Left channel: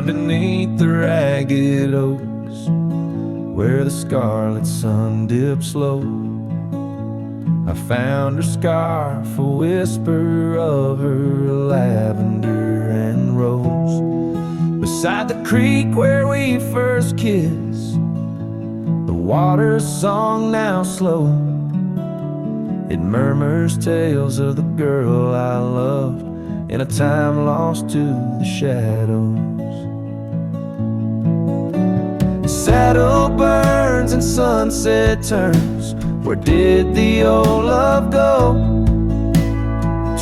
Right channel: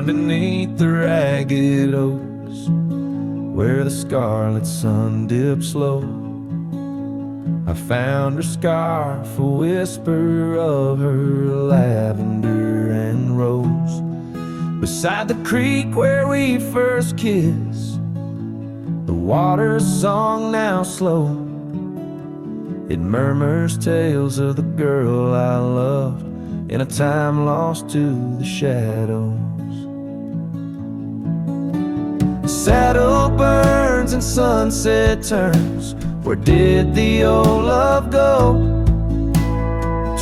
underneath the ragged oaks, where the scarlet sun dips low, I found her scarf, a whisper of her lavender and rose. Beside the creek where we first kissed, the water's song now slow, it murmurs tales of the girl I loved in a time lost to the shadows. Saddle burns and sunset turns, where did the old love go?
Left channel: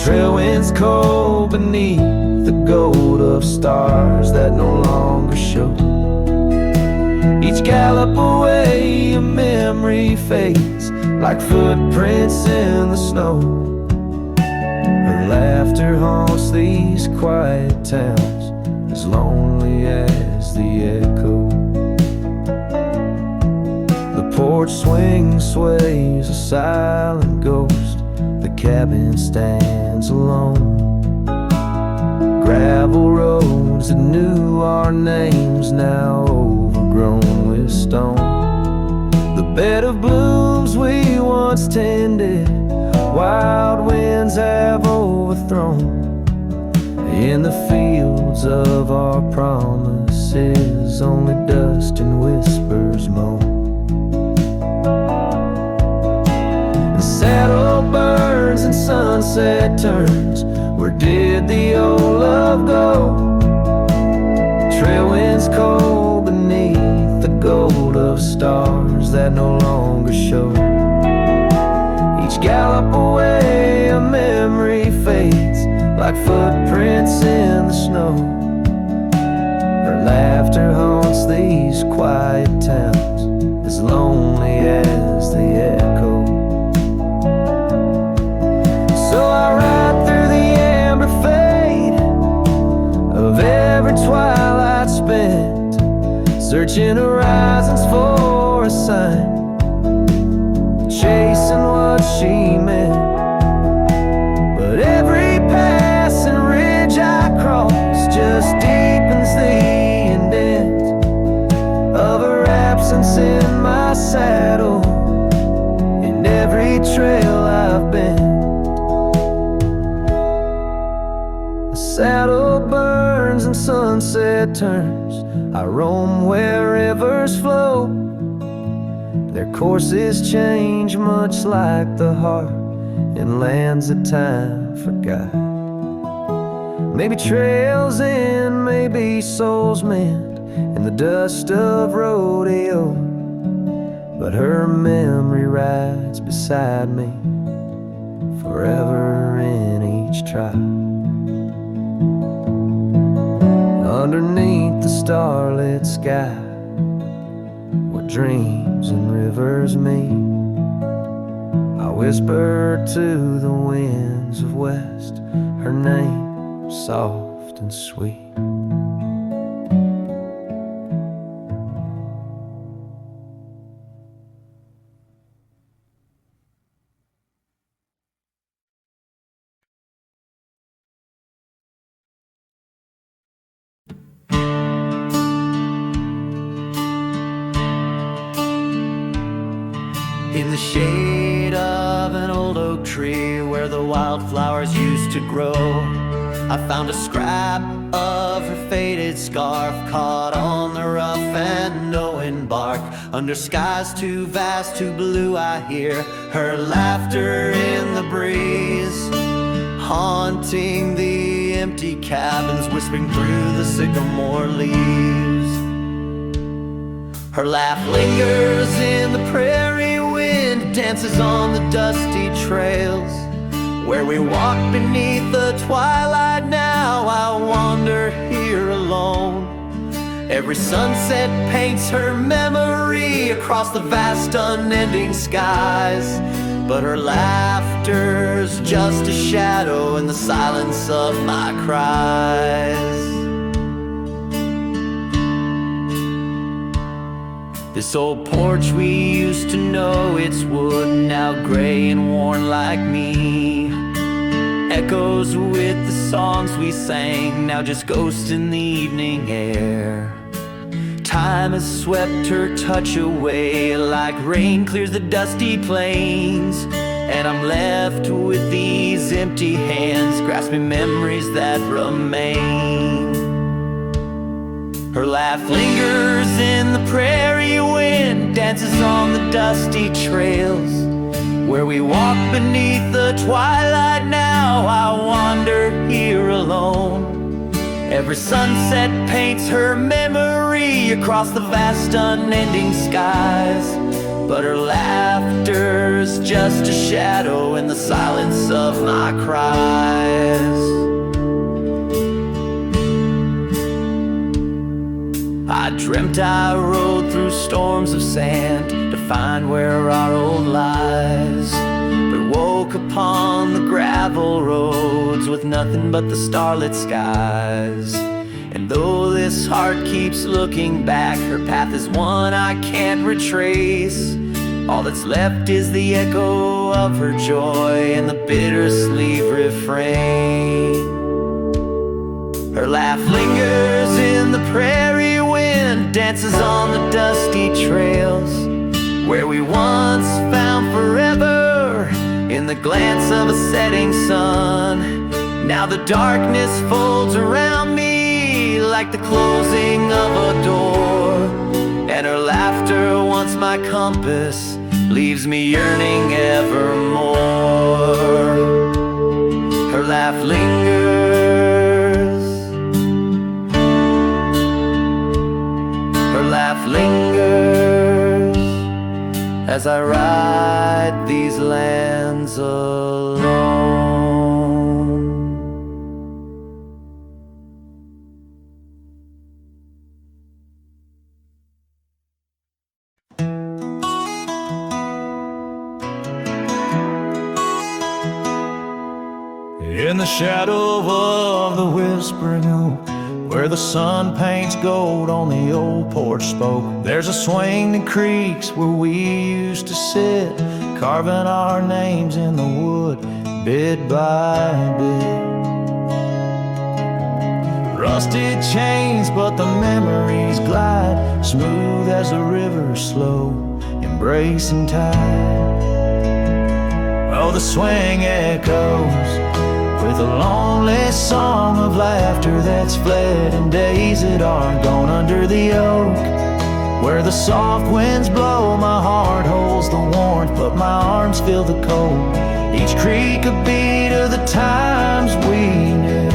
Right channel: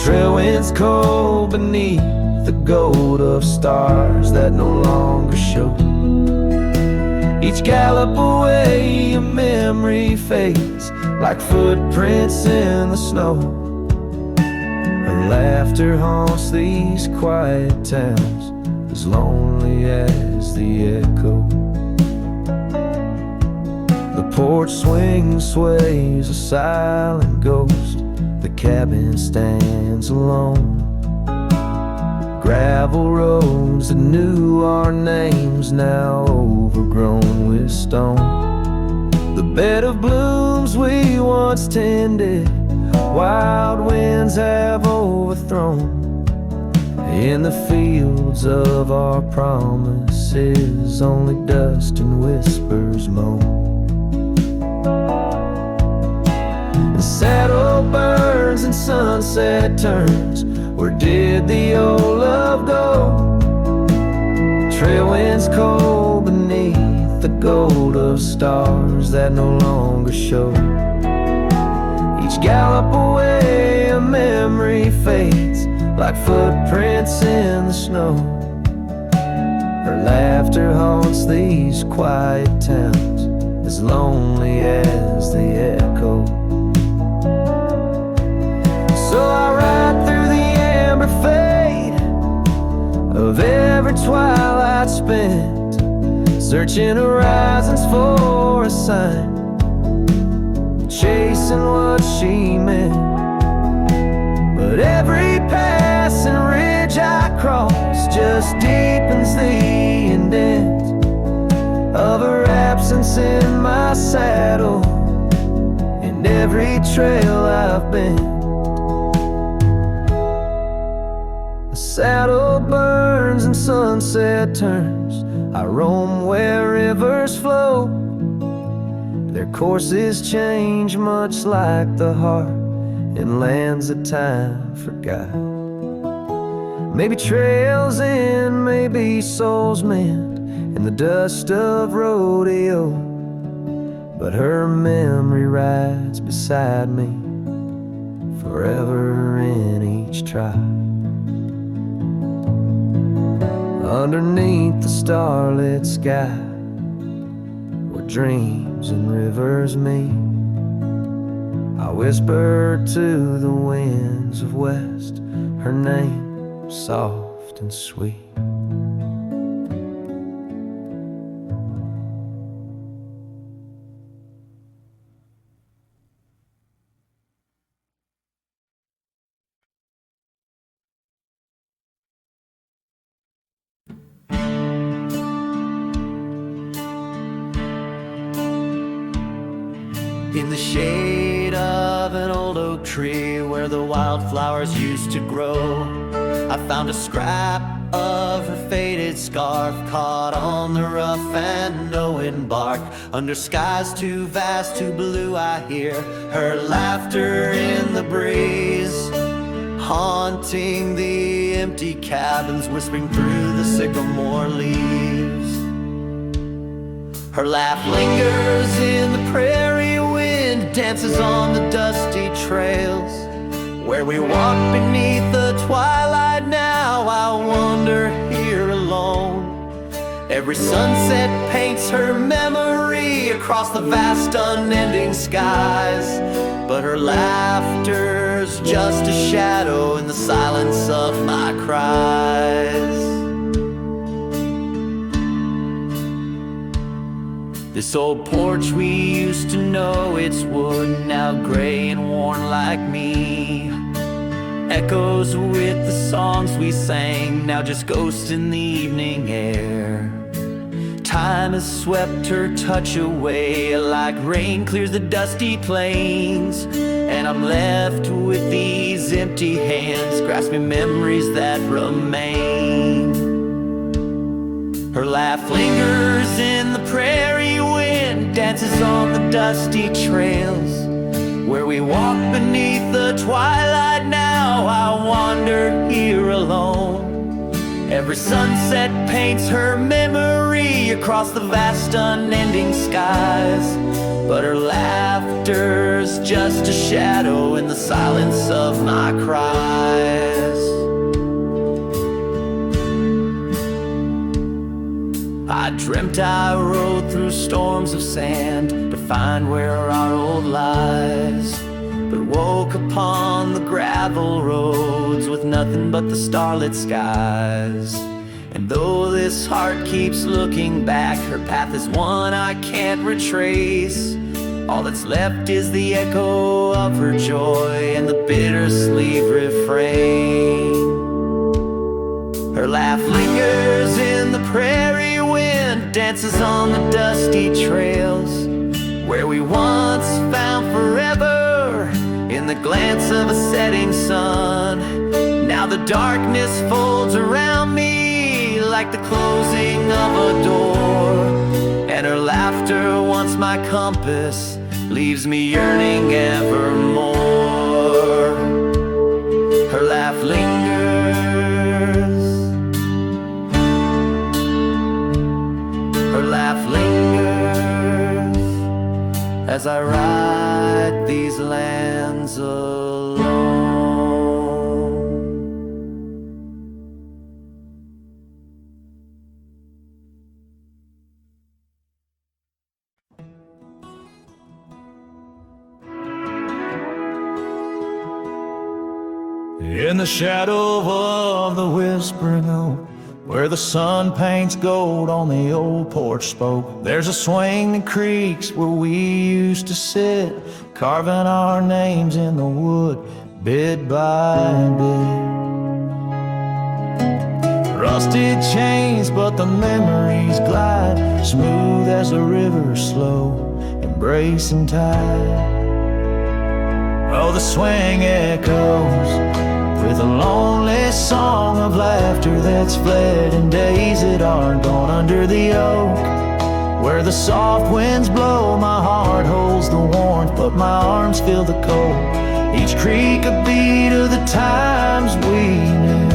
Trail winds cold beneath the gold of stars that no longer show. Each gallop away a memory fades like footprints in the snow. Her laughter haunts these quiet towns, as lonely as the echo. The porch swing sways, a silent ghost. The cabin stands alone. Gravel roads that knew our names, now overgrown with stone. The bed of blooms we once tended, wild winds have overthrown. In the fields of our promises, only dust and whispers moan. The saddle burns and sunset turns, where did the old love go? Trail winds cold beneath the gold of stars that no longer show. Each gallop away a memory fades like footprints in the snow. Her laughter haunts these quiet towns, as lonely as the echo. So I ride through the amber fade of every twilight spent, searching horizons for a sign, chasing what she meant. But every passing ridge I cross just deepens the indent of her absence in my saddle, in every trail I've been. Saddle burns and sunset turns, I roam where rivers flow. Their courses change much like the heart in lands that time forgot. Maybe trails end, maybe souls mend in the dust of rodeo, but her memory rides beside me forever in each tribe. Underneath the starlit sky, where dreams and rivers meet, I whisper to the winds of west her name, soft and sweet. In the shade of an old oak tree where the wildflowers used to grow, I found a scrap of her faded scarf caught on the rough and knowing bark. Under skies too vast, too blue, I hear her laughter in the breeze, haunting the empty cabins, whispering through the sycamore leaves. Her laugh lingers in the prairie wind, dances on the dusty trails where we walk beneath the twilight. Now I wander here alone. Every sunset paints her memory across the vast unending skies, but her laughter's just a shadow in the silence of my cries. This old porch we used to know, it's wood, now gray and worn like me. echoes with the songs we sang, now just ghosts in the evening air. Time has swept her touch away, like rain clears the dusty plains, and I'm left with these empty hands, grasping memories that remain. Her laugh lingers in the prairie wind, dances on the dusty trails. Where we walk beneath the twilight now, I wander here alone. Every sunset paints her memory across the vast unending skies, but her laughter's just a shadow in the silence of my cries. I dreamt I rode through storms of sand to find where our old lies, but woke upon the gravel roads with nothing but the starlit skies. And though this heart keeps looking back, her path is one I can't retrace. All that's left is the echo of her joy and the bittersweet refrain. Her laugh lingers in the prairie wind, dances on the dusty trails, where we once found forever in the glance of a setting sun. Now the darkness folds around me like the closing of a door, and her laughter, once my compass, leaves me yearning evermore. Her laugh lingers, her laugh lingers, as I ride these lands alone. In the shadow of the whispering oak, where the sun paints gold on the old porch spoke, there's a swing that creaks where we used to sit, carving our names in the wood, bit by bit. Rusted chains, but the memories glide, smooth as the river, slow, embracing tide. Oh, the swing echoes with a lonely song of laughter that's fled, and days that aren't gone under the oak, where the soft winds blow. My heart holds the warmth, but my arms feel the cold. Each creak a beat of the times we knew.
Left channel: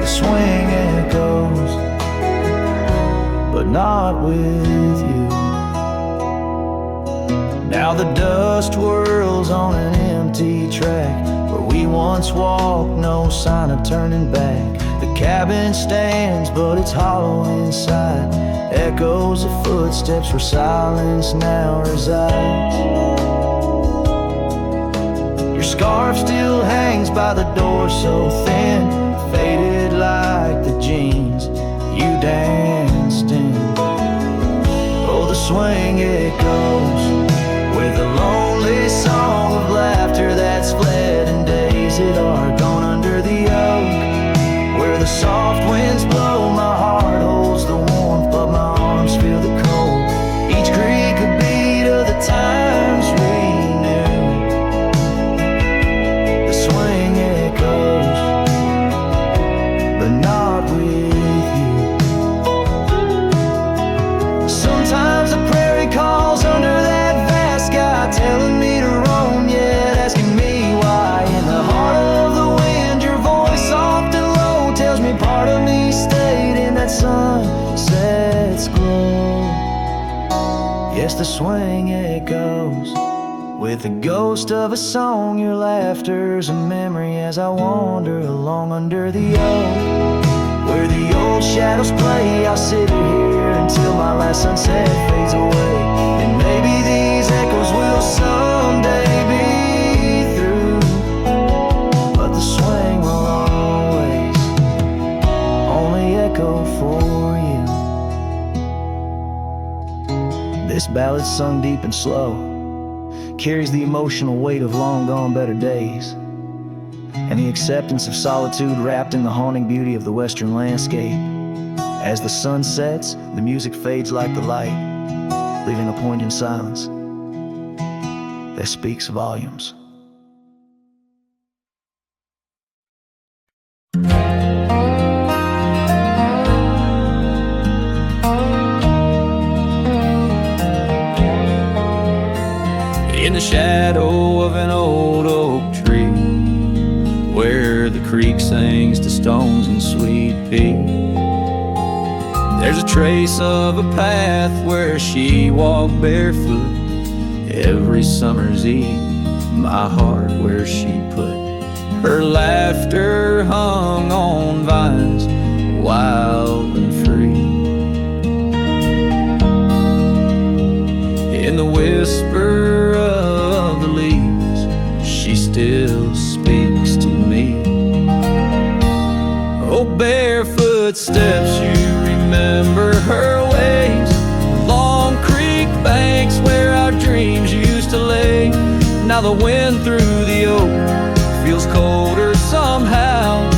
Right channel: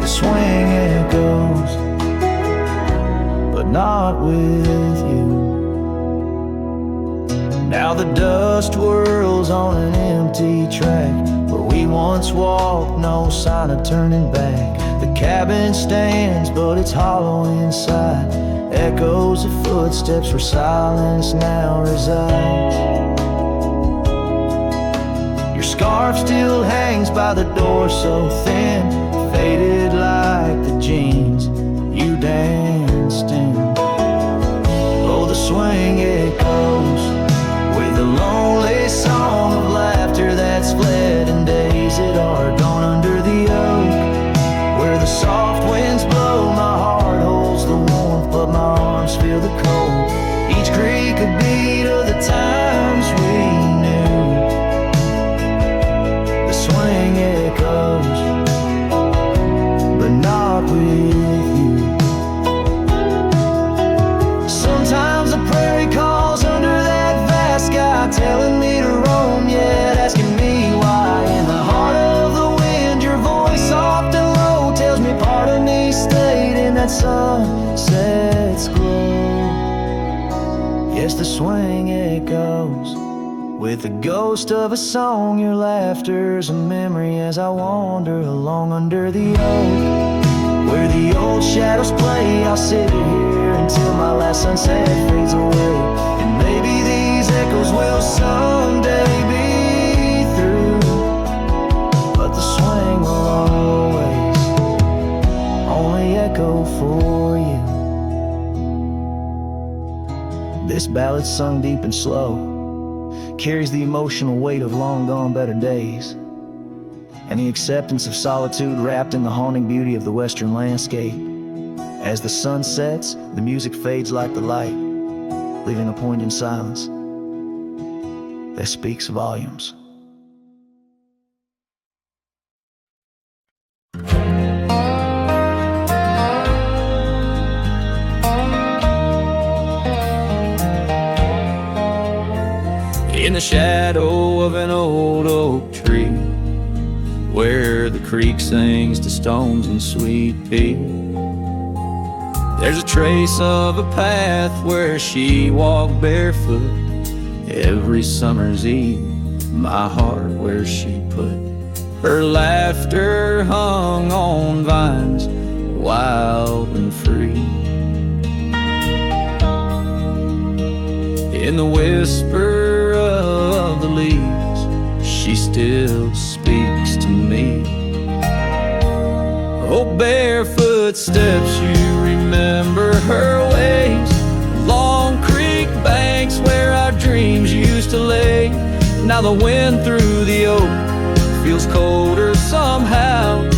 The swing echoes, but not with you. Now the dust whirls on an empty track, where we once walked, no sign of turning back. The cabin stands, but it's hollow inside, echoes of footsteps where silence now resides. Your scarf still hangs by the door, so thin, faded like the jeans you danced in. Oh, the swing echoes with a lonely song of laughter that's fled, and days that are gone under the oak, where the soft winds blow. My heart holds the warmth, but my arms feel the cold. Each creak a beat of the times we knew. The swing echoes, but not with you. Sometimes the prairie calls under that vast sky, telling me to roam, yet asking me why. In the heart of the wind, your voice soft and low tells me part of me stayed in that sunset's glow. Yes, the swing echoes with the ghost of a song. Your laughter's a memory as I wander along under the oak, where the old shadows play. I'll sit here until my last sunset fades away, and maybe these echoes will someday be through, but the swing will always only echo for you. This ballad's sung deep and slow, carries the emotional weight of long gone better days, and the acceptance of solitude wrapped in the haunting beauty of the western landscape. As the sun sets, the music fades like the light, leaving a poignant silence that speaks volumes. In the shadow of an old oak tree, where the creek sings to stones in sweet peace, there's a trace of a path where she walked barefoot every summer's eve. My heart where she put her laughter hung on vines, wild and free. In the whisper of the leaves, she still speaks to me. Oh, barefoot steps, you remember her ways. Long creek banks where our dreams used to lay. Now the wind through the oak feels colder somehow,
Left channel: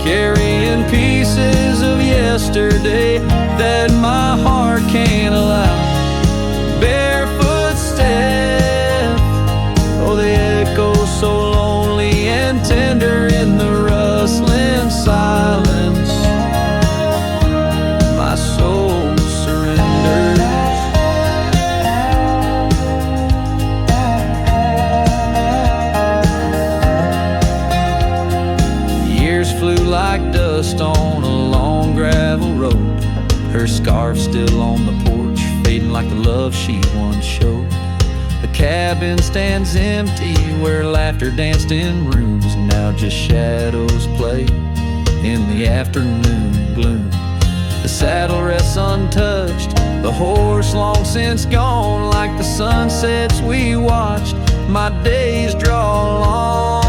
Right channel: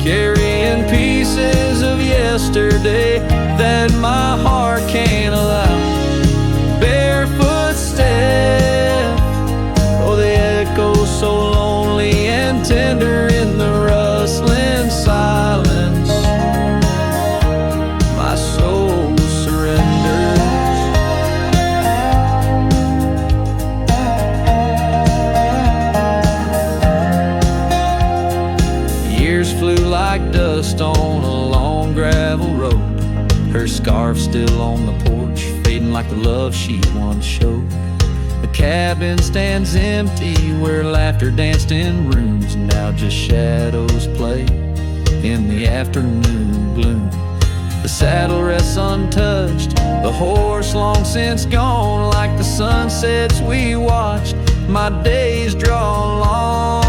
carrying pieces of yesterday that my heart can't allow. Barefoot steps, oh, they echo so lonely and tender in the rustling silence. My soul surrenders. Years flew like dust on a long gravel road. Her scarf still on the porch, fading like the love she once showed. The cabin stands empty where laughter danced in rooms. Now just shadows play in the afternoon gloom. The saddle rests untouched, the horse long since gone. Like the sunsets we watched, my days draw long.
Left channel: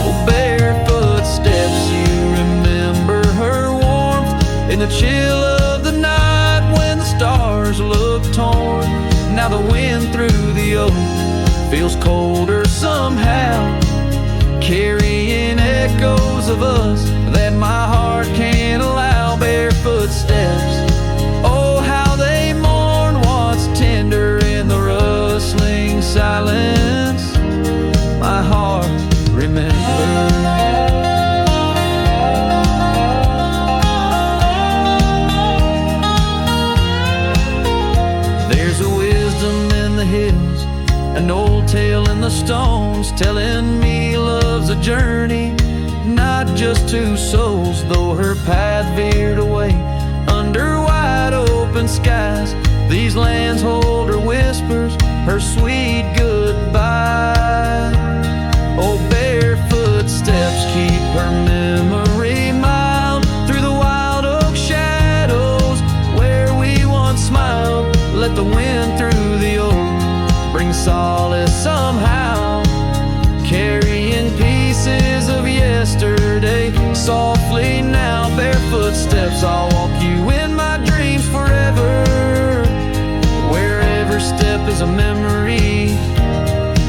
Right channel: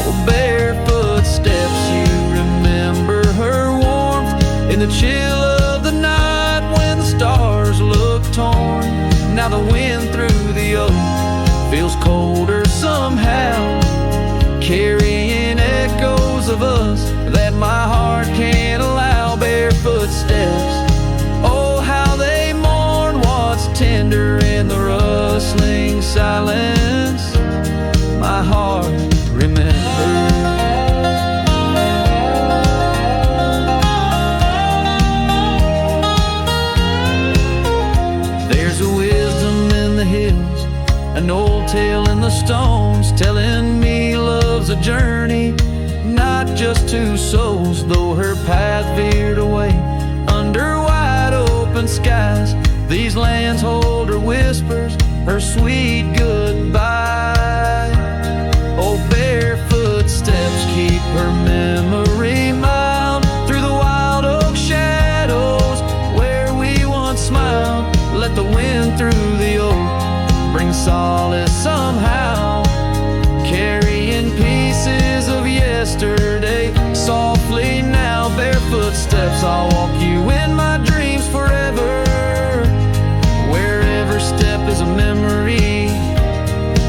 Oh, barefoot steps, you remember her warmth in the chill of the night when the stars look torn. Now the wind through the oak feels colder somehow, carrying echoes of us that my heart can't allow. Barefoot steps, oh, how they mourn what's tender in the rustling silence. My heart remembers. There's a wisdom in the hills, an old tale in the stones, telling me love's a journey, not just two souls. Though her path veered away under wide open skies, these lands hold her whispers, her sweet goodbye. Oh, barefoot steps keep her memory mild through the wild oak shadows where we once smiled. Let the wind through the oak bring solace somehow, carrying pieces of yesterday softly now. Barefoot steps, I'll walk you in my dreams forever, where every step is a memory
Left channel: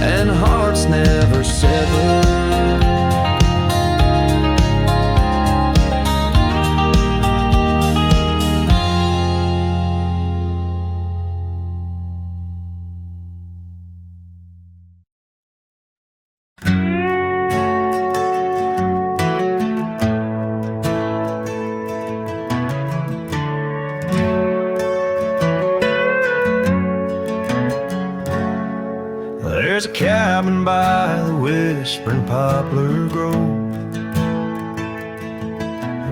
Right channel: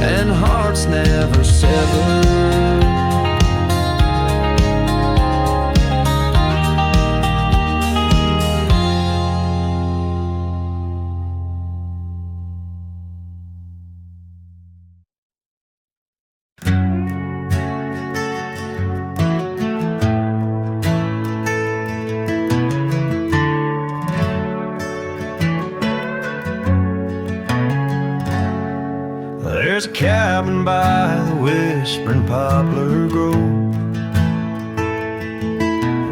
and hearts never sever. There's a cabin by the whispering poplar grove,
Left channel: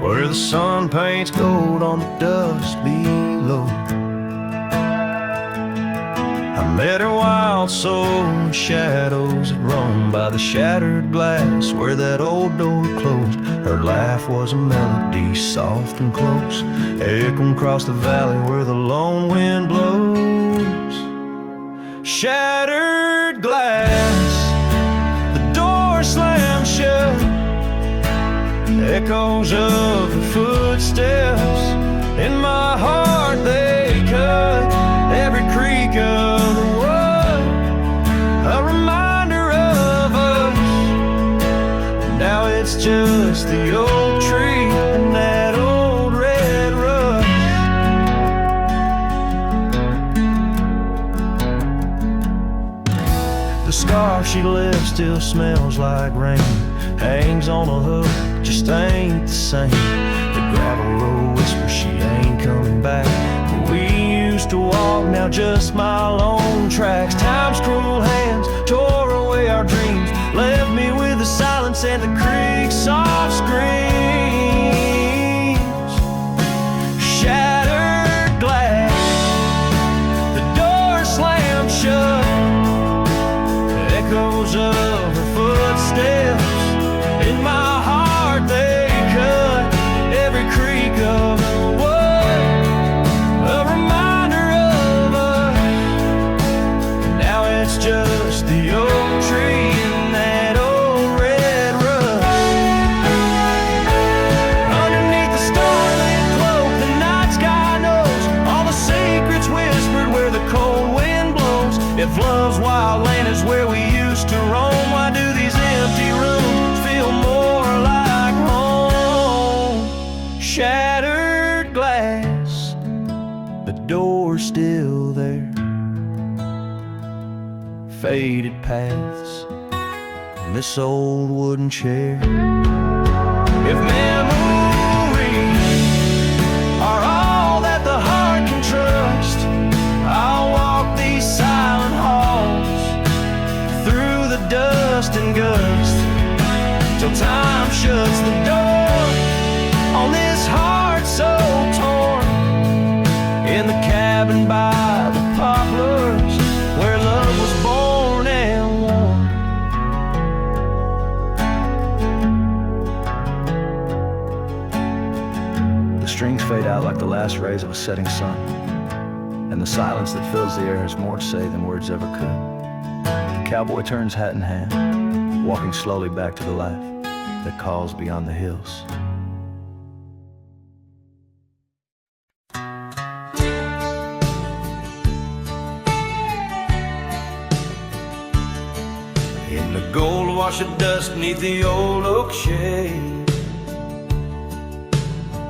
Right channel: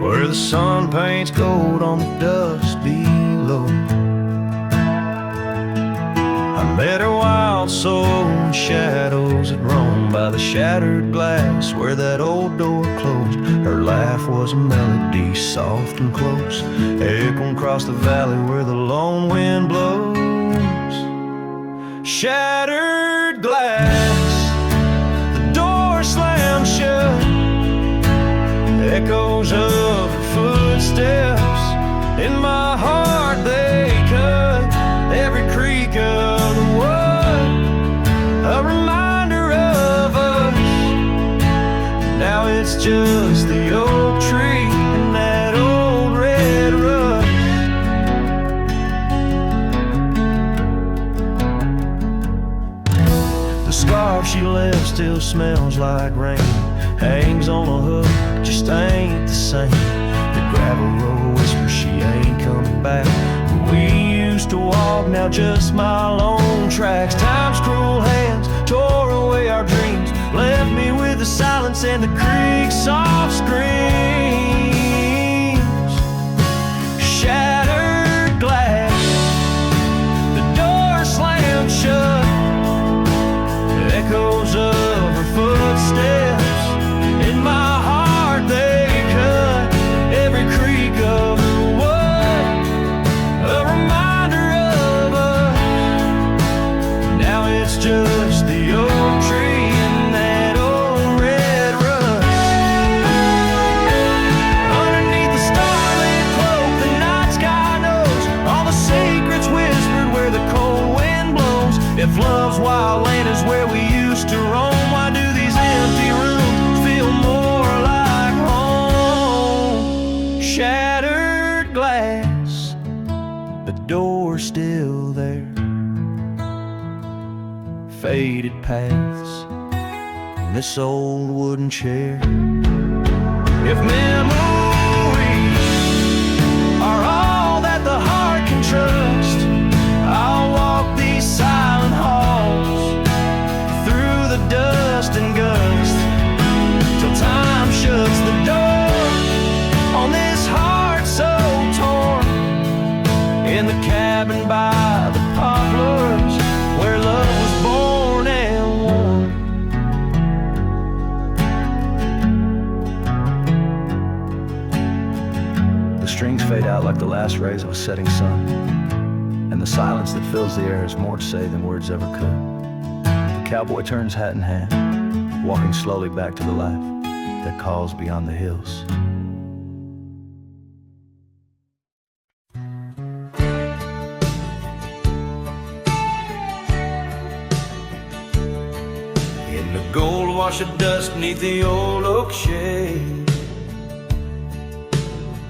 where the sun paints gold on the dust below. I met her wild soul in shadows that roam by the shattered glass where that old door closed. Her laugh was a melody soft and close, echoing across the valley where the lone wind blows. Shattered glass, the door slammed shut, echoes of her footsteps in my heart they cut every creak of the wood. it's just the oak tree and that old red rust. The scarf she left still smells like rain, hangs on a hook, just ain't the same. The gravel road whispers she ain't coming back. Where we used to walk, now just my lone tracks. Time's cruel hands tore away our dreams, left me with the silence and the creek's soft screams. Shattered glass, the door slammed shut, echoes of her footsteps in my heart, they cut every creak of the wood, a reminder of us. Now it's just the oak tree and that old red rust. Underneath the starlit cloak, the night sky knows all the secrets whispered where the cold wind blows. If love's wild land is where we used to roam, why do these empty rooms feel more like home? Shattered glass, the door's still there, faded paths, and this old wooden chair. If memories are all that the heart can trust, I'll walk these silent halls through the dust and gust till time shuts the door on this heart so torn. In the cabin by the poplars where love was born and worn. The strings fade out like the last rays of a setting sun, and the silence that fills the air has more to say than words ever could. The cowboy turns hat in hand, walking slowly back to the life that calls beyond the hills. In the gold wash of dust beneath the old oak shade,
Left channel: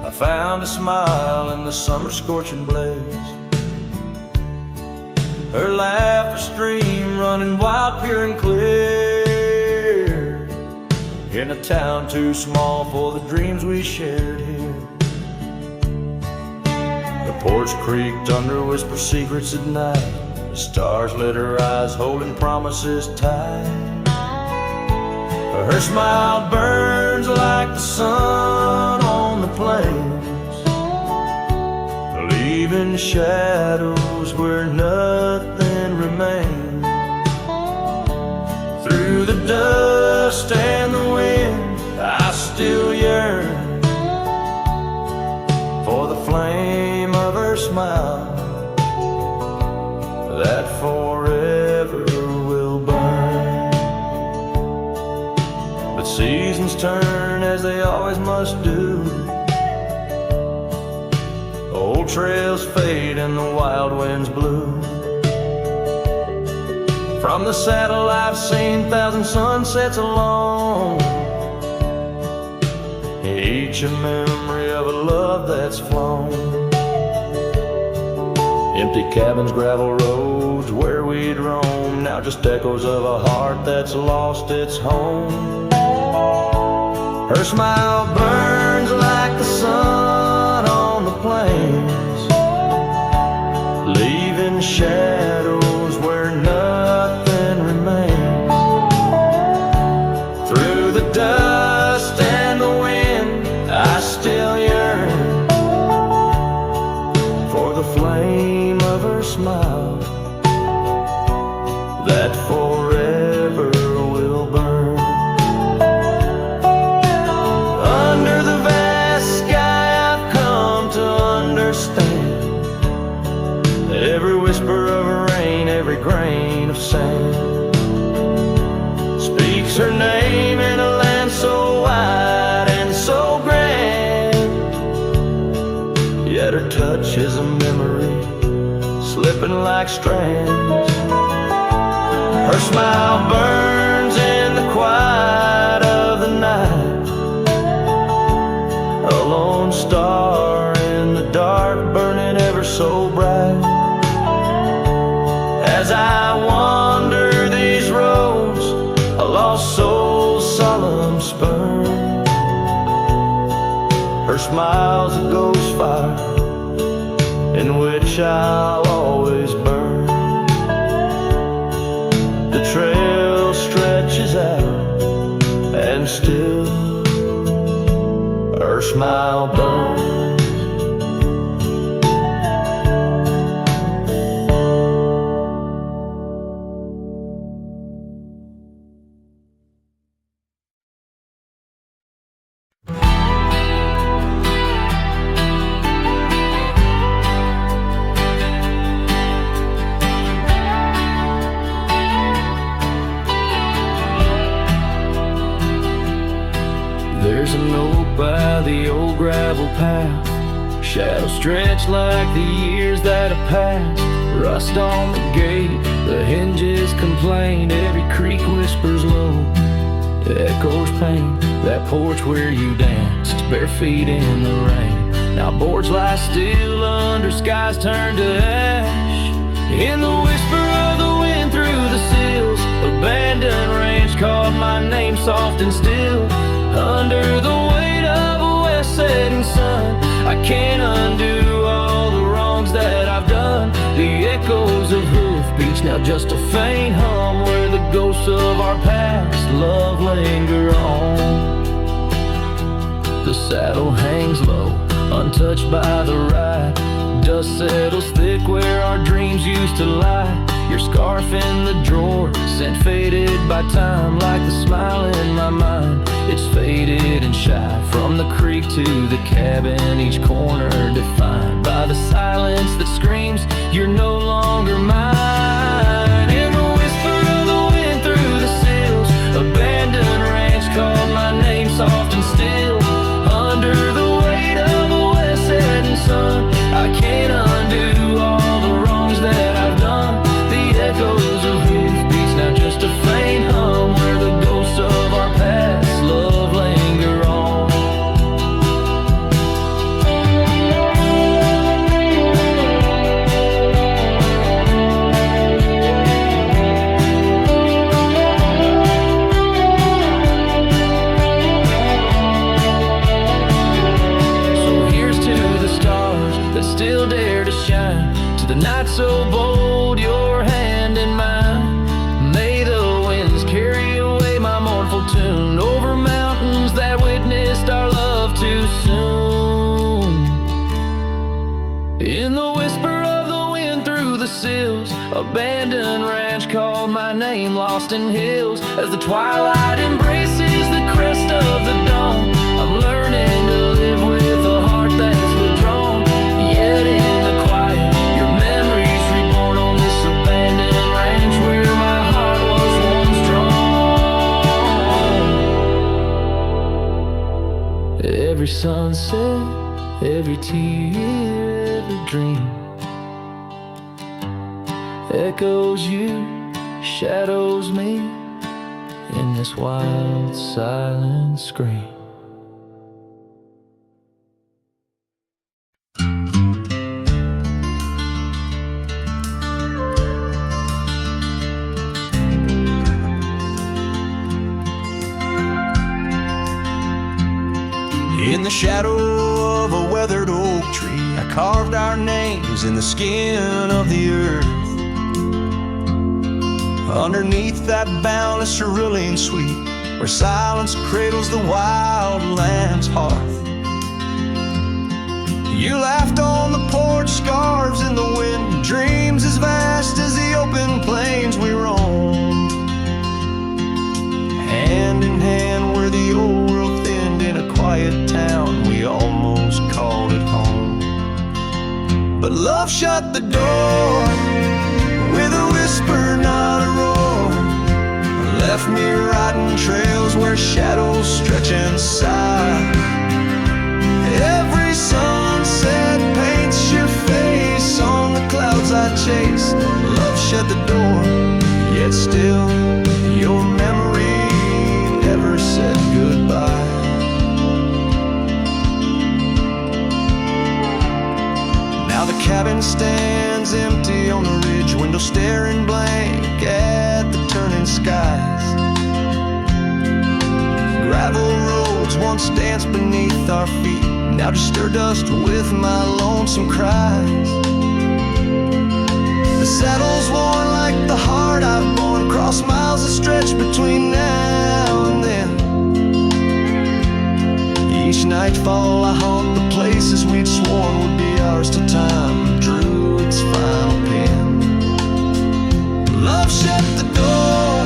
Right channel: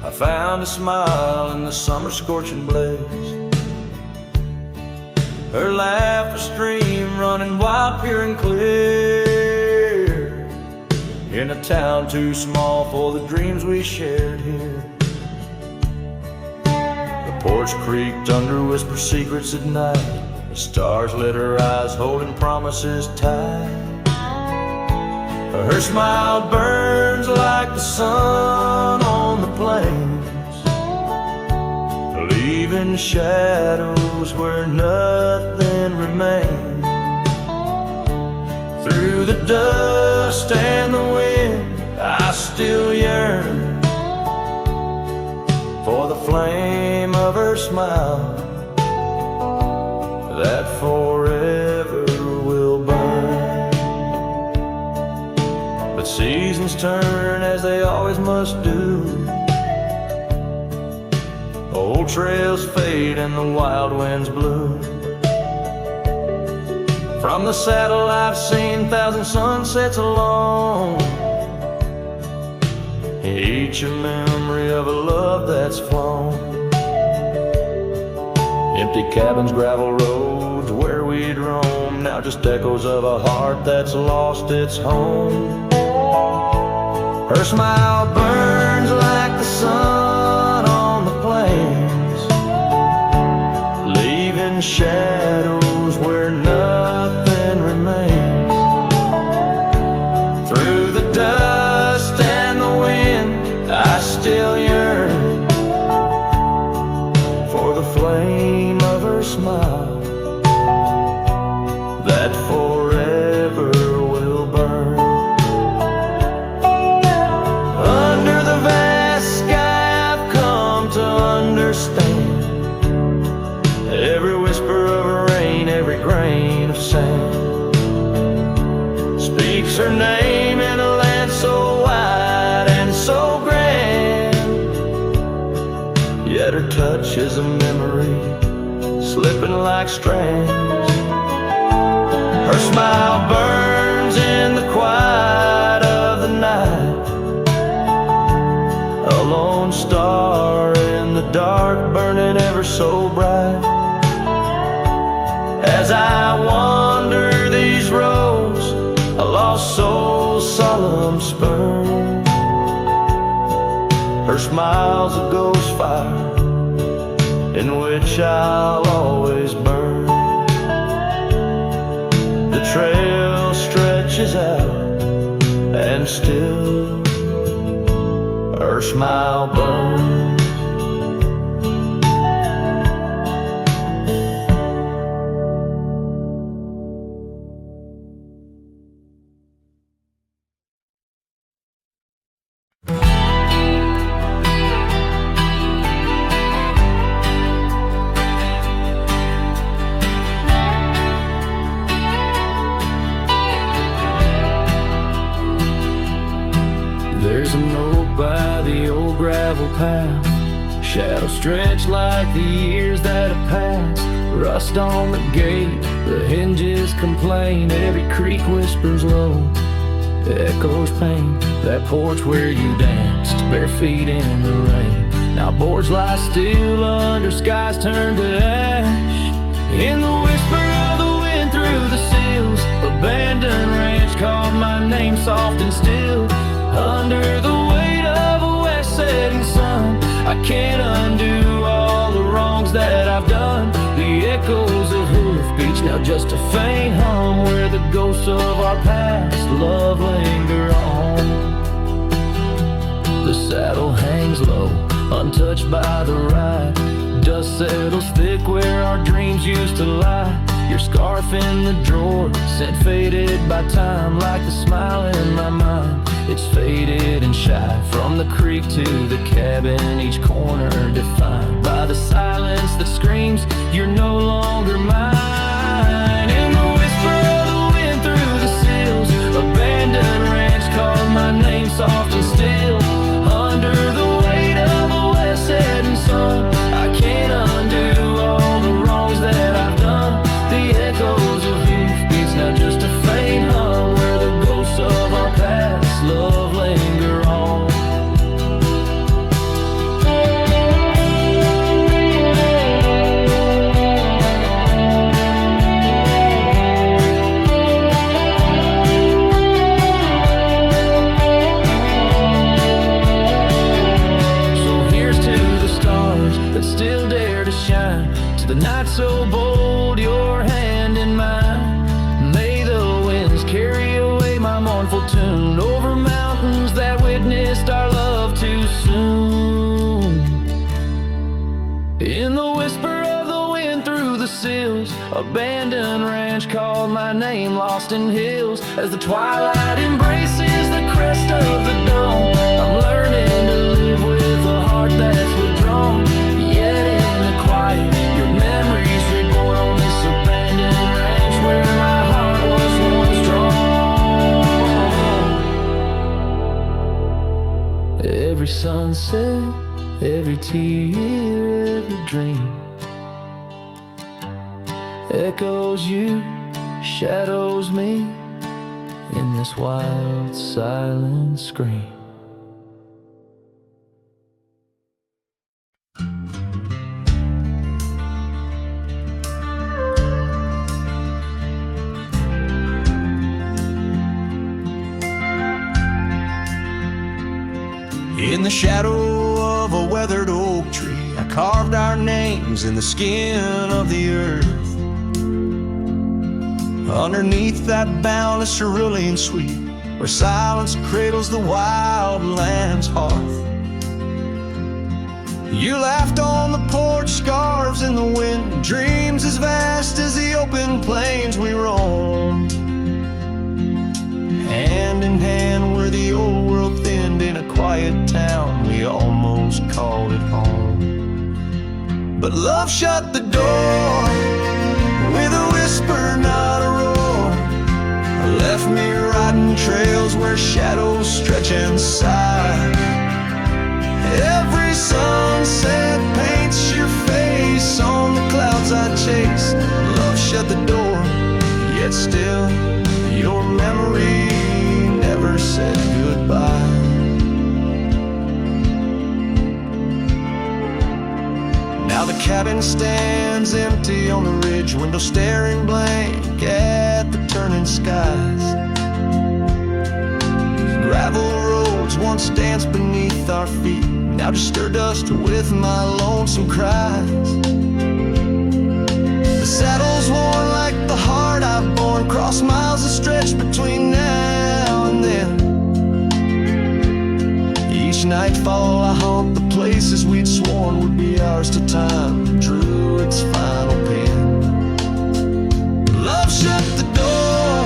I found a smile in the summer scorching blaze. Her laugh a stream running wild, pure and clear, in a town too small for the dreams we shared here. The porch creaked under whisper secrets at night. The stars lit her eyes, holding promises tight. Her smile burns like the sun on the plains, leaving shadows where nothing remains. Through the dust and the wind, I still yearn for the flame of her smile that forever will burn. But seasons turn as they always must do. Old trails fade and the wild winds blow. From the saddle I've seen 1,000 sunsets alone, each a memory of a love that's flown. Empty cabins, gravel roads where we'd roam, now just echoes of a heart that's lost its home. Her smile burns like the sun on the plains, leaving shadows where nothing remains. Through the dust and the wind, I still yearn for the flame of her smile that forever will burn. Under the vast sky I've come to understand every whisper of rain, every grain of sand speaks her name in a land so wide and so grand. Yet her touch is a memory slipping like strands. Her smile burns in the quiet of the night, lone star in the dark, burning ever so bright. As I wander these roads, a lost soul's solemn spurn. Her smile's a ghost fire in which I'll always burn. The trail stretches out and still her smile burns. There's a note by the old gravel path, shadows stretch like the years that have passed. Rust on the gate, the hinges complain, every creak whispers low, echoes pain. That porch where you danced, bare feet in the rain, now boards lie still under skies turned to ash. In the whisper of the wind through the sills, abandoned ranch called my name soft and still. Under the weight of a west setting sun, I can't undo all the wrongs that I've done. The echoes of hoofbeats, now just a faint hum, where the ghosts of our past love linger on. The saddle hangs low, untouched by the ride. Dust settles thick where our dreams used to lie. Your scarf in the drawer, scent faded by time, like the smile in my mind. It's faded and shy, from the creek to the cabin, each corner defined by the silence that screams, you're no longer mine. In the whisper of the wind through the sills, abandoned ranch called my name soft and still. Under the weight of a west setting sun, I can't undo all the wrongs that I've done. The echoes of hoofbeats, now just a faint hum, where the ghosts of our past love linger on. So here's to the stars that still dare to shine, to the night so bold, your hand in mine. May the winds carry away my mournful tune, over mountains that witnessed our love too soon. In the whisper of the wind through the sills, abandoned ranch called my name lost in hills. As the twilight embraces the crest of the dawn, I'm learning to live with a heart that's withdrawn. Yet in the quiet, your memories reborn on this abandoned ranch, where my heart was once drawn. Every sunset, every tear, every dream echoes you, shadows me in this wild silent scream. In the shadow of a weathered oak tree, I carved our names in the skin of the earth. Underneath that boundless cerulean sweet, where silence cradles the wild land's hearth. You laughed on the porch, scarves in the wind, dreams as vast as the open plains we roamed. Hand in hand where the old world thinned, in a quiet town we almost called it home. But love shut the door with a whisper, not a roar. Left me riding trails where shadows stretch and sigh. Every sunset paints your face on the clouds I chased. Love shut the door, yet still your memory never said goodbye. Now the cabin stands empty on the ridge, window staring blank at the turning skies. Gravel roads once danced beneath our feet, now just stir dust with my lonesome cries. The saddle's worn like the heart I've borne, cross miles that stretch between now and then. Each nightfall I haunt the places we'd sworn would be ours till time drew its final pen. Love shut the door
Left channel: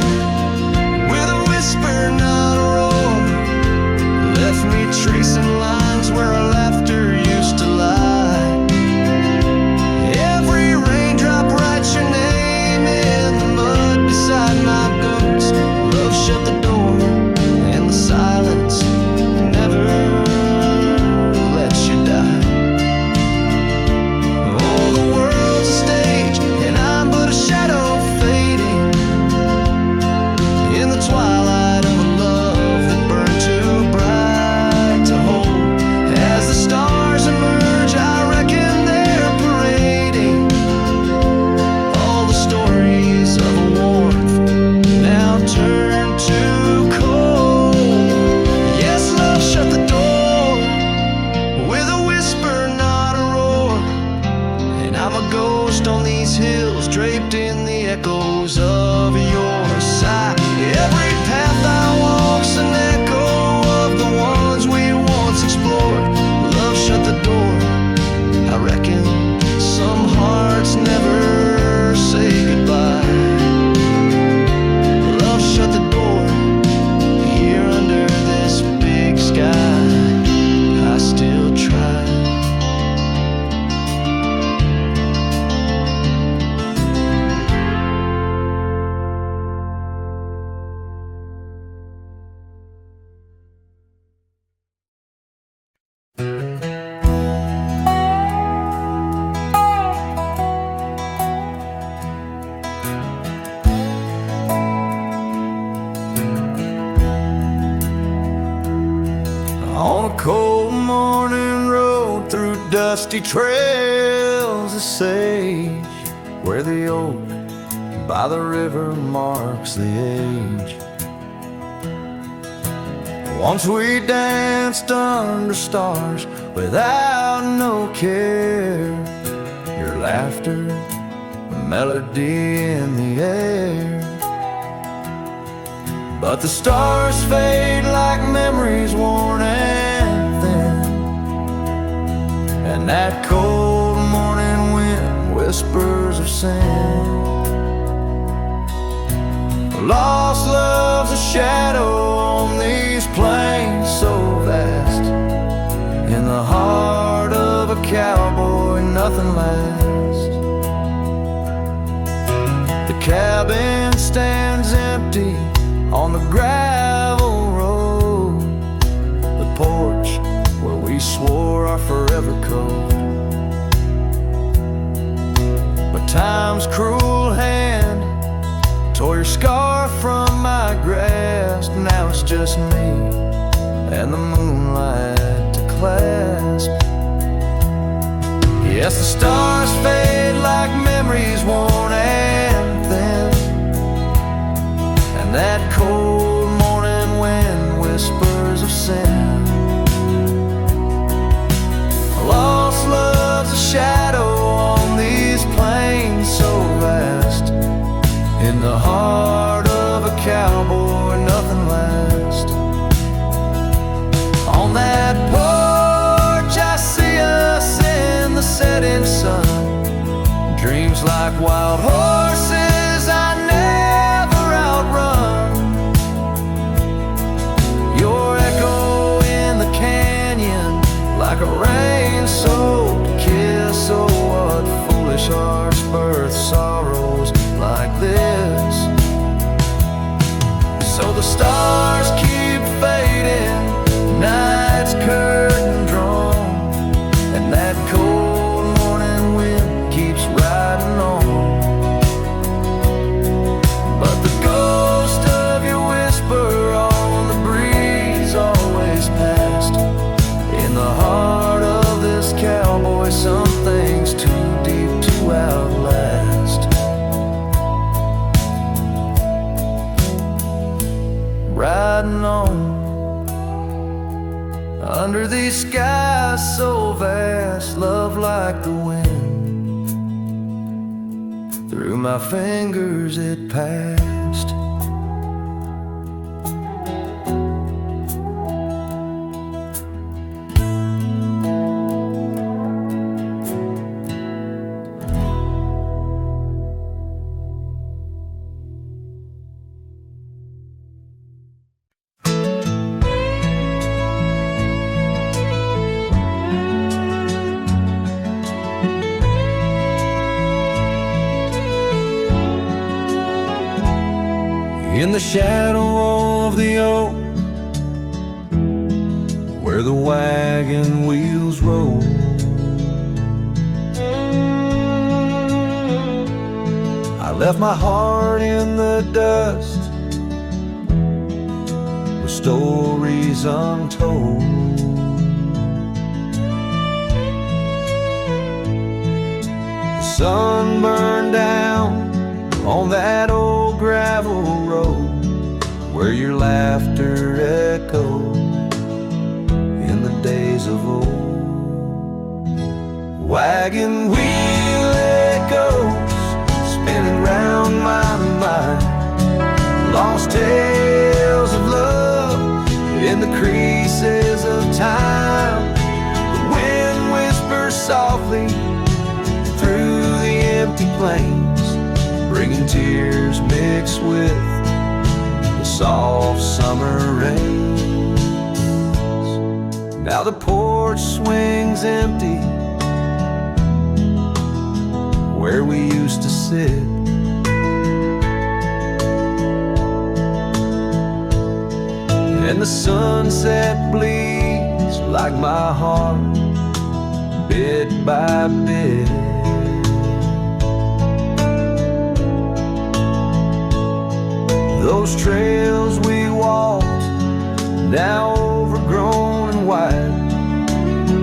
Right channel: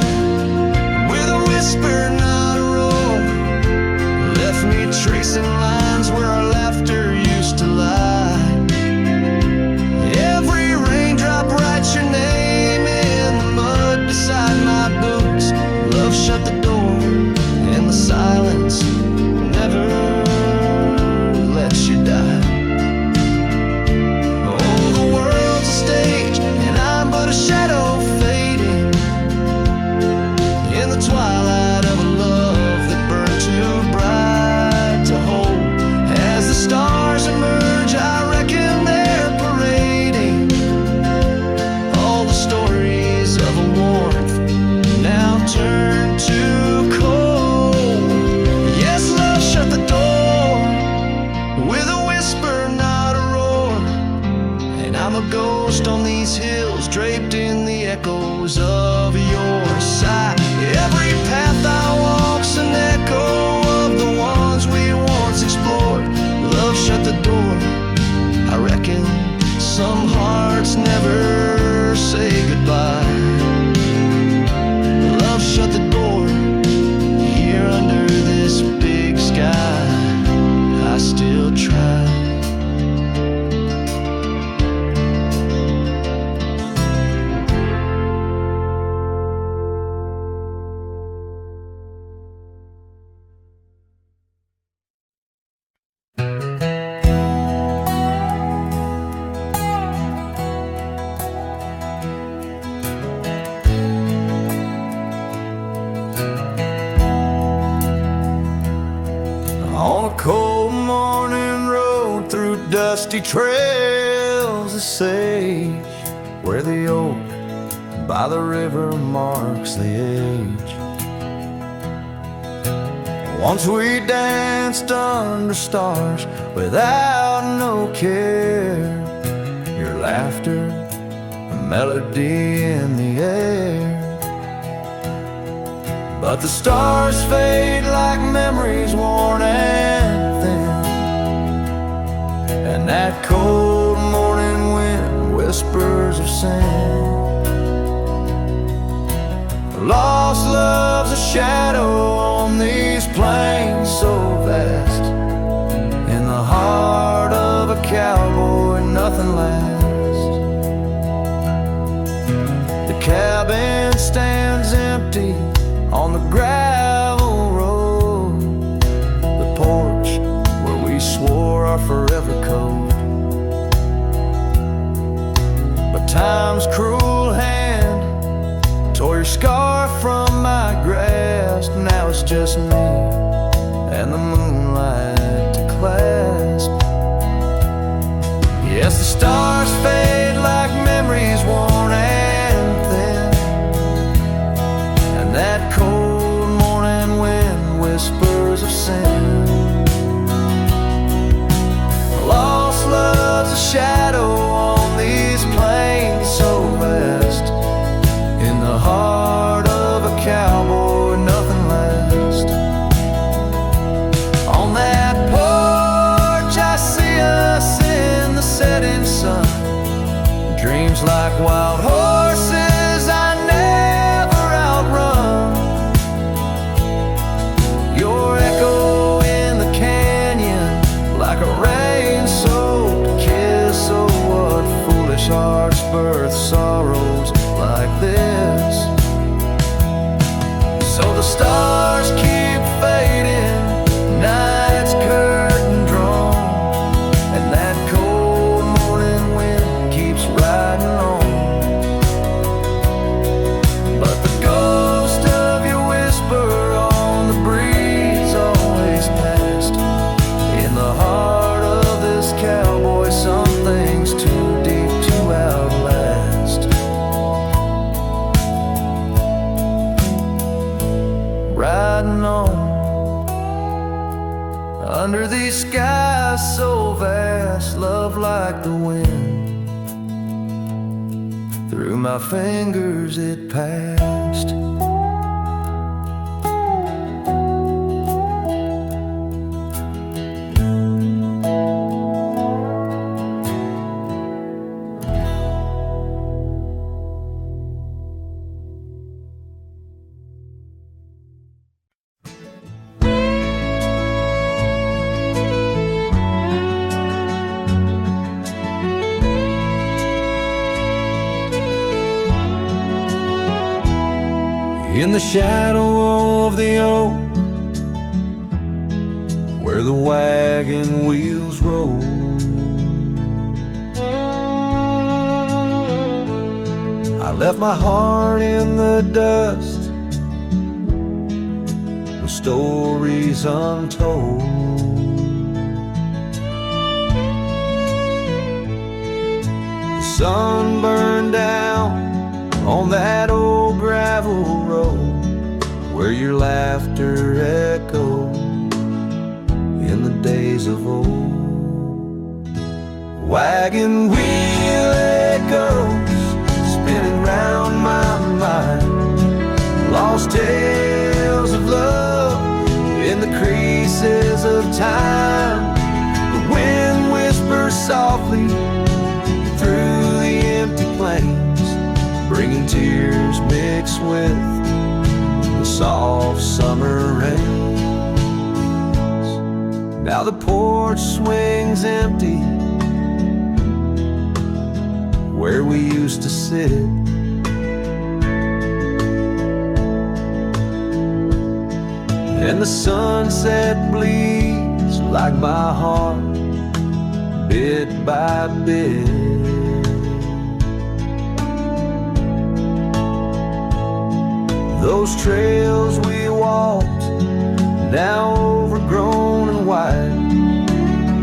with a whisper, not a roar. Left me tracing lines where our laughter used to lie. Every raindrop writes your name in the mud beside my boots. Love shut the door and the silence never lets you die. Oh, the world's a stage and I'm but a shadow fading in the twilight of a love that burned too bright to hold. As the stars emerge, I reckon they're parading all the stories of a warmth now turned to cold. Yes, love shut the door with a whisper, not a roar. And I'm a ghost on these hills, draped in the echoes of your sigh. Every path I walk's an echo of the ones we once explored. Love shut the door. I reckon some hearts never say goodbye. Love shut the door. Here under this big sky, I still try. On a cold morning road through dusty trails of sage, where the oak by the river marks the age. Once we danced under stars without no care, your laughter, a melody in the air. But the stars fade like memories worn and thin, and that cold morning wind whispers of sin. Lost love's a shadow on these plains so vast. In the heart of a cowboy nothing lasts. The cabin stands empty on the gravel road, the porch where we swore our forever code. But time's cruel hand tore your scarf from my grasp. Now it's just me and the moonlight to clasp. Yes, the stars fade like memories worn and thin, and that cold morning wind whispers of sin. Lost love's a shadow on these plains so vast. In the heart of a cowboy nothing lasts. On that porch I see us in the setting sun. Dreams like wild horses I never outrun. Your echo in the canyon like a rain-soaked kiss. Oh, what foolish hearts birth sorrows like this. So the stars keep fading, night's curtain drawn, and that cold morning wind keeps riding on. But the ghost of your whisper on the breeze always past. In the heart of this cowboy some things riding on under these skies so vast, love like the wind. Through my fingers it passed. In the shadow of the oak, where the wagon wheels roll, I left my heart in the dust with stories untold. The sun burned down on that old gravel road where your laughter echoed in the days of old. Wagon wheel echoes spinning round my mind, lost tales of love in the creases of time. The wind whispers softly through the empty plains, bringing tears mixed with the soft summer rains. Now the porch swings empty where we used to sit, and the sunset bleeds like my heart, bit by bit. Those trails we walked, now overgrown and wide,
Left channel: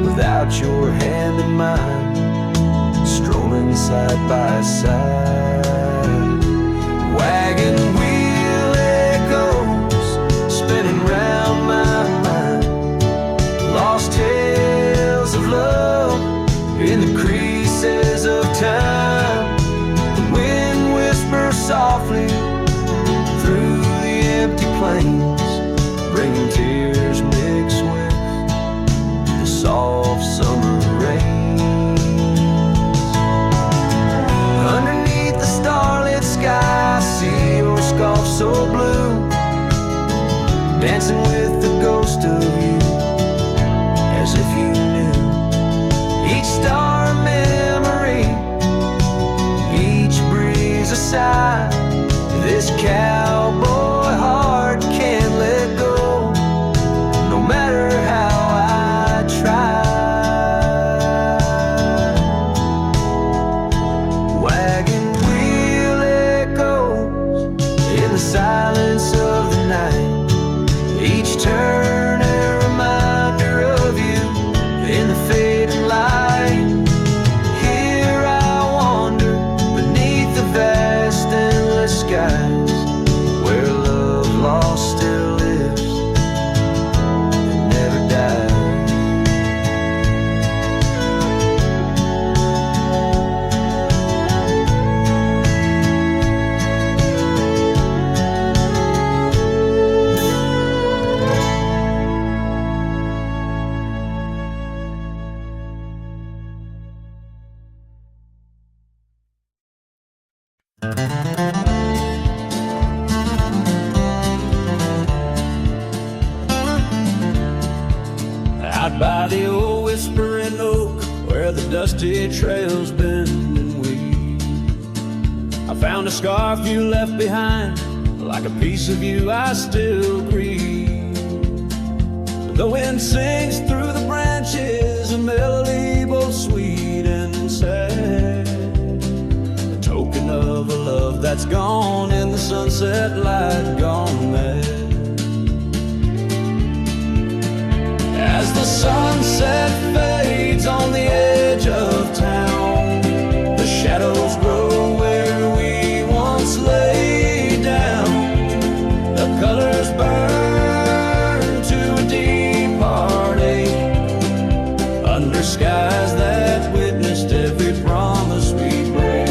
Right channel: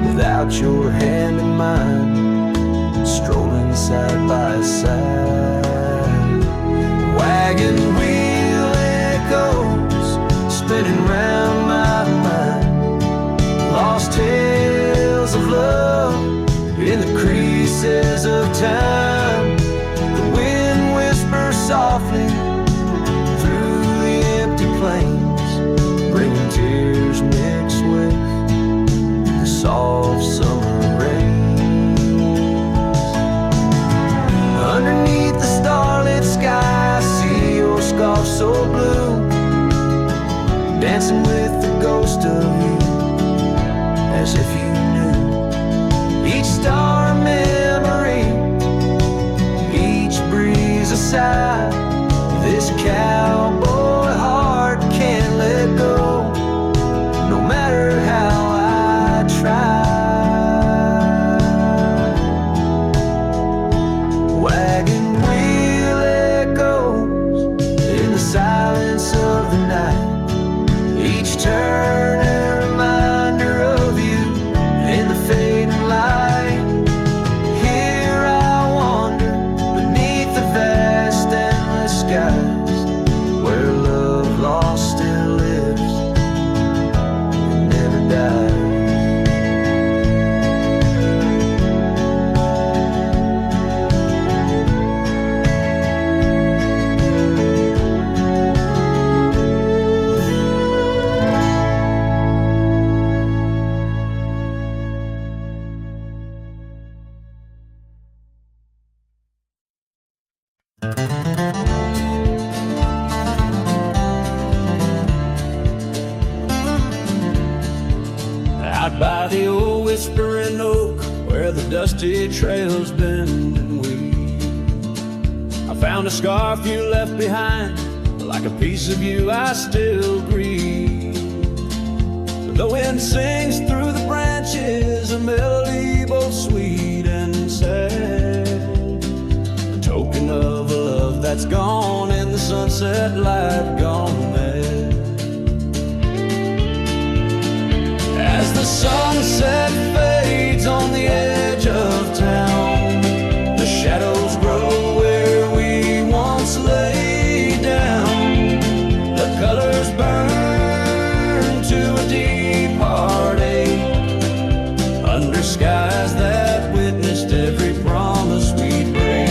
without your hand in mine, strolling side by side. Wagon wheel echoes spinning round my mind, lost tales of love in the creases of time. The wind whispers softly through the empty plains, bringing tears mixed with the soft summer rains. Underneath the starlit sky, I see your scarf so blue, dancing with the ghost of you, as if you knew each star a memory, each breeze a sigh. This cowboy heart can't let go, no matter how I try. Wagon wheel echoes in the silence of the night, each turn a reminder of you in the fading light. Here I wander beneath the vast endless skies, where love lost still lives and never dies. Out by the old whispering oak, where the dusty trails bend and weave, I found a scarf you left behind, like a piece of you I still grieve. But the wind sings through the branches a melody both sweet and sad, a token of a love that's gone in the sunset light, gone mad. As the sunset fades on the edge of town, the shadows grow where we once lay down. The colors burn under skies that witnessed every promise we'd break.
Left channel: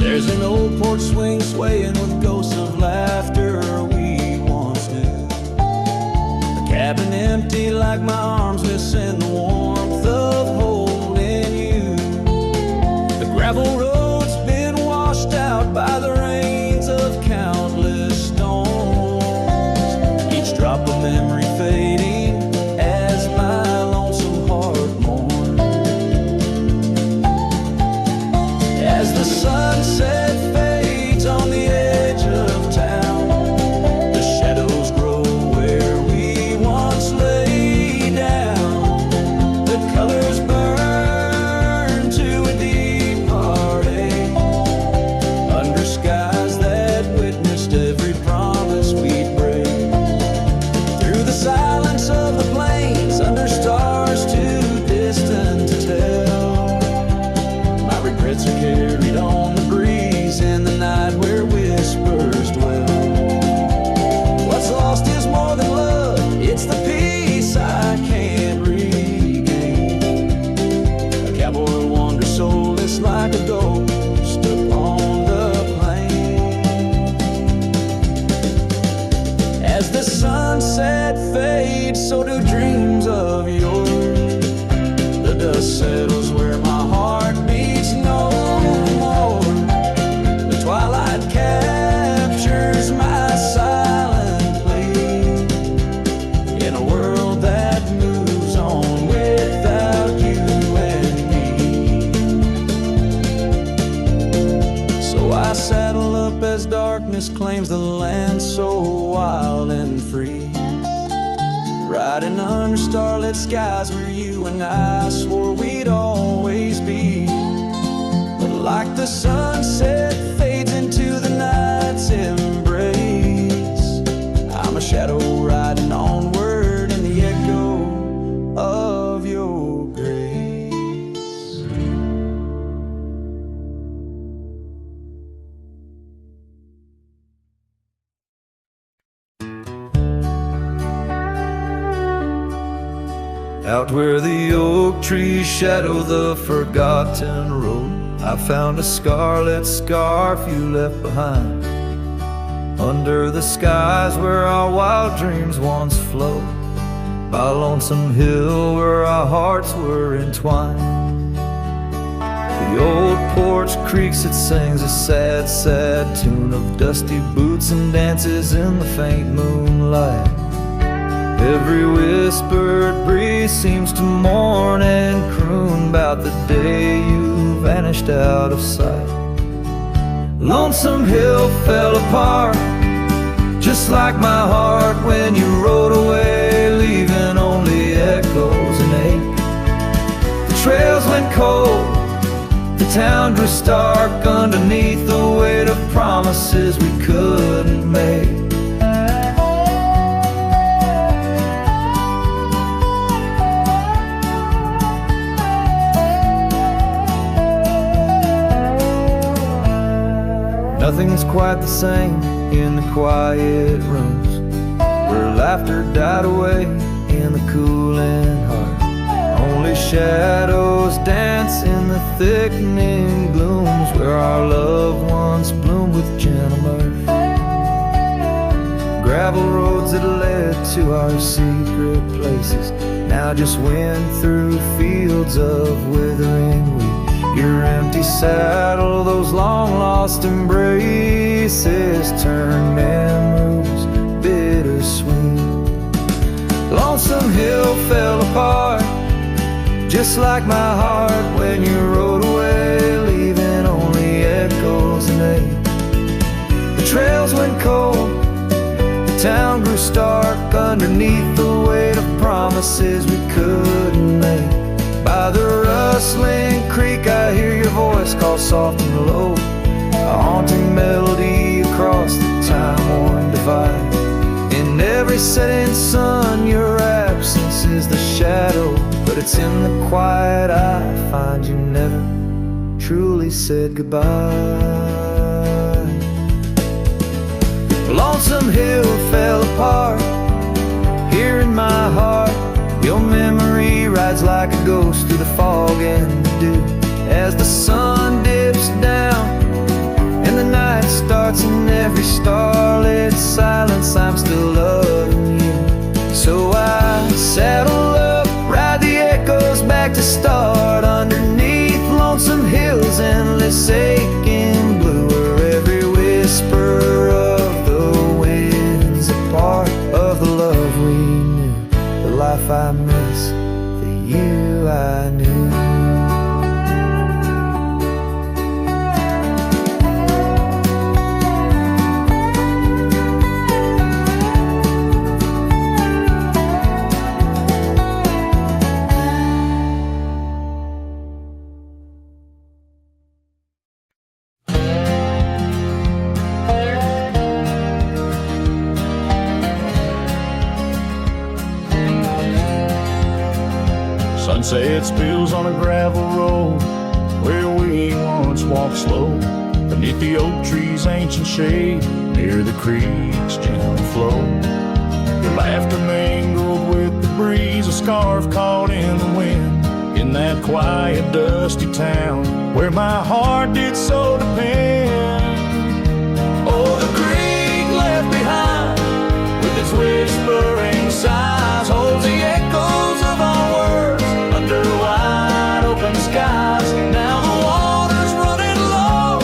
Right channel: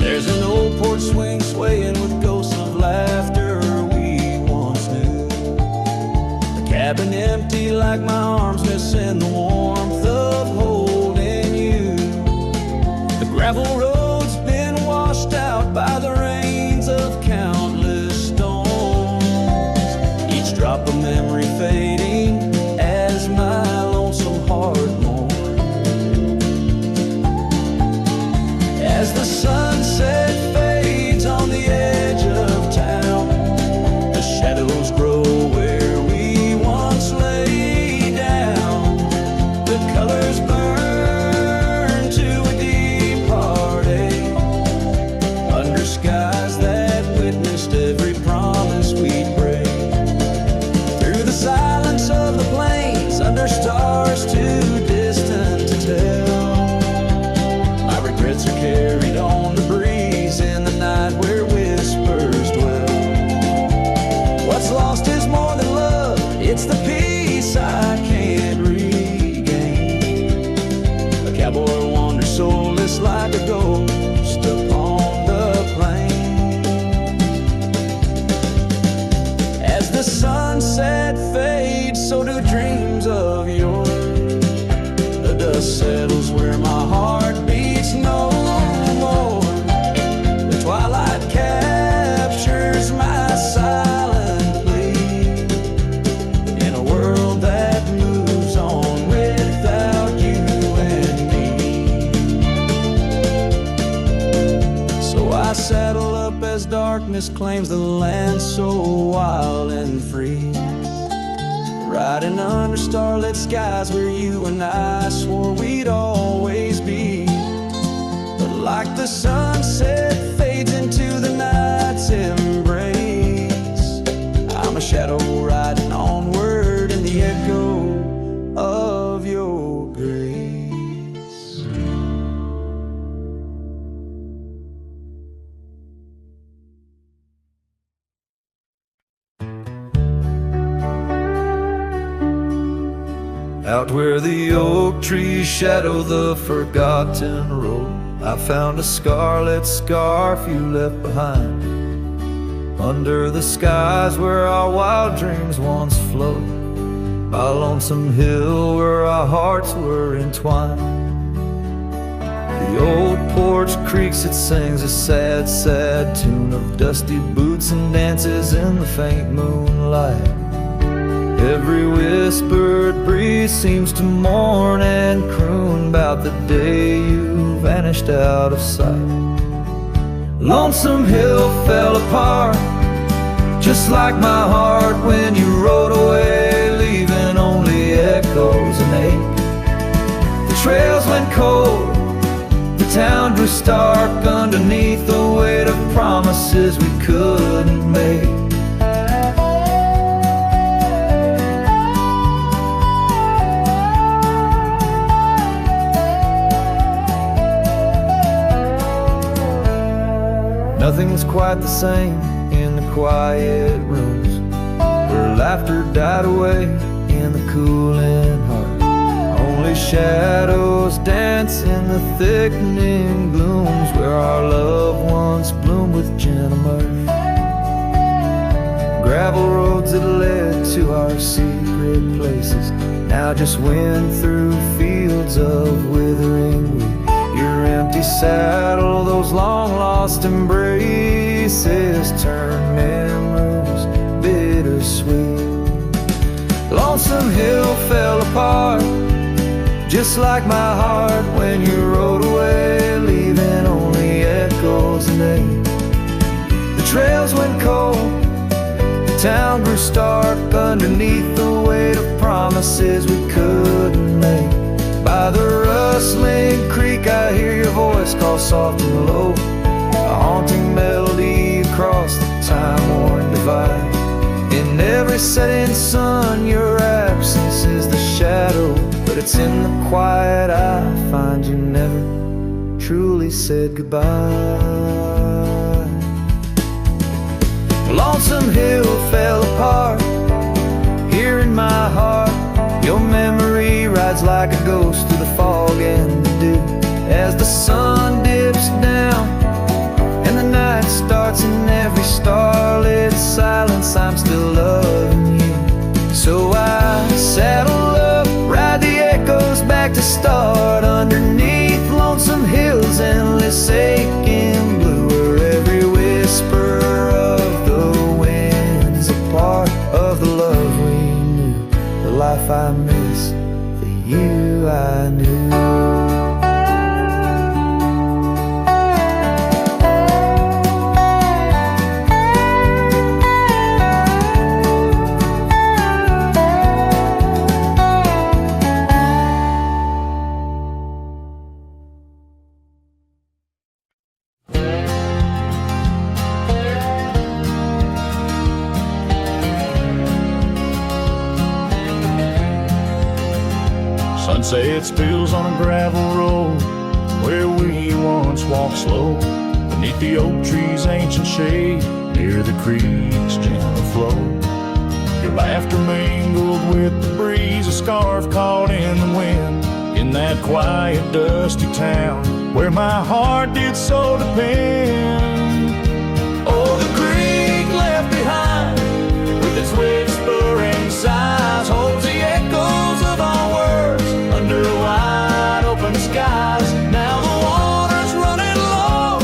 There's an old porch swing swaying with ghosts of laughter we once knew. The cabin empty like my arms missing the warmth of holding you. The gravel road's been washed out by the rains of countless storms, each drop of memory fading as my lonesome heart mourns. As the sunset fades on the edge of town, the shadows grow where we once lay down. The colors burn to a deep heartache under skies that witnessed every promise we'd break. Through the silence of the plains, under stars too distant to tell, my regrets are carried on the breeze in the night where whispers dwell. What's lost is more than love, it's the peace I can't regain. A cowboy wanders soulless like a ghost upon the plain. As the sunset fades, so do dreams of yours. The dust settles where my heart beats no more. The twilight captures my silent plea in a world that moves on without you and me. So I saddle up as darkness claims the land so wild and free, riding under starlit skies where you and I swore we'd always be. But like the sunset fades into the night's embrace, I'm a shadow riding onward in the echo of your grace. Out where the oak trees shadow the forgotten road, I found a scarlet scarf you left behind. Under the skies where our wild dreams once flowed, by a lonesome hill where our hearts were entwined. The old porch creaks, it sings a sad, sad tune of dusty boots and dances in the faint moonlight. Every whispered breeze seems to mourn and croon about the day you vanished out of sight. Lonesome Hill fell apart, just like my heart when you rode away, leaving only echoes and ache. The trails went cold, the town grew stark underneath the weight of promises we couldn't make. Nothing's quite the same in the quiet rooms where laughter died away in the cooling heart. Only shadows dance in the thickening glooms where our love once bloomed with gentle mirth. Gravel roads that led to our secret places now just wind through fields of withering wheat. Your empty saddle, those long-lost embraces turn memories bittersweet. Lonesome Hill fell apart, just like my heart when you rode away, leaving only echoes and ache. The trails went cold, the town grew stark underneath the weight of promises we couldn't make. By the rustling creek I hear your voice call soft and low, a haunting melody across the time-worn divide. In every setting sun your absence is the shadow, but it's in the quiet I find you never truly said goodbye. Lonesome Hill fell apart. Here in my heart, your memory rides like a ghost through the fog and the dew. As the sun dips down and the night starts in every starlit silence, I'm still loving you. So I saddle up, ride the echoes back to start. Underneath lonesome hills, endless aching blue, where every whisper of the wind's a part of the love we knew. The life I miss, the you I knew. Sunset spills on a gravel road where we once walked slow, beneath the oak tree's ancient shade, near the creek's gentle flow. Your laughter mingled with the breeze, a scarf caught in the wind, in that quiet, dusty town where my heart did so depend. Oh, the creek left behind, with its whispering sighs, holds the echoes of our words under wide open skies. Now the water's running low,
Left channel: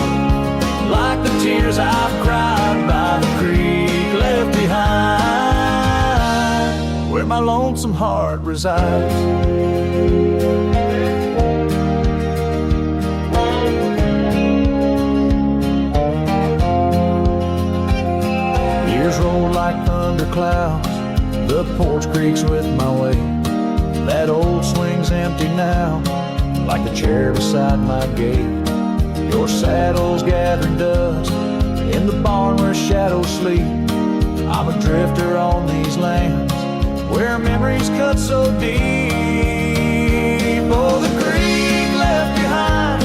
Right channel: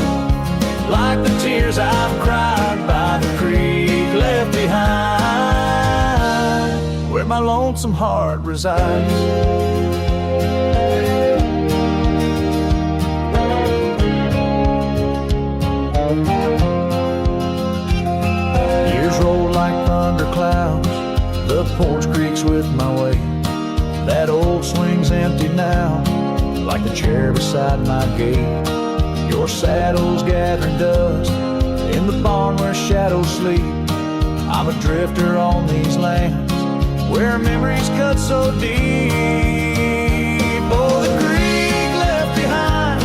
like the tears I've cried by the creek left behind, where my lonesome heart resides. Years roll like thunderclouds, the porch creaks with my way. That old swing's empty now, like the chair beside my gate. Your saddle's gathering dust in the barn where shadows sleep. I'm a drifter on these lands where memories cut so deep. Oh, the creek left behind,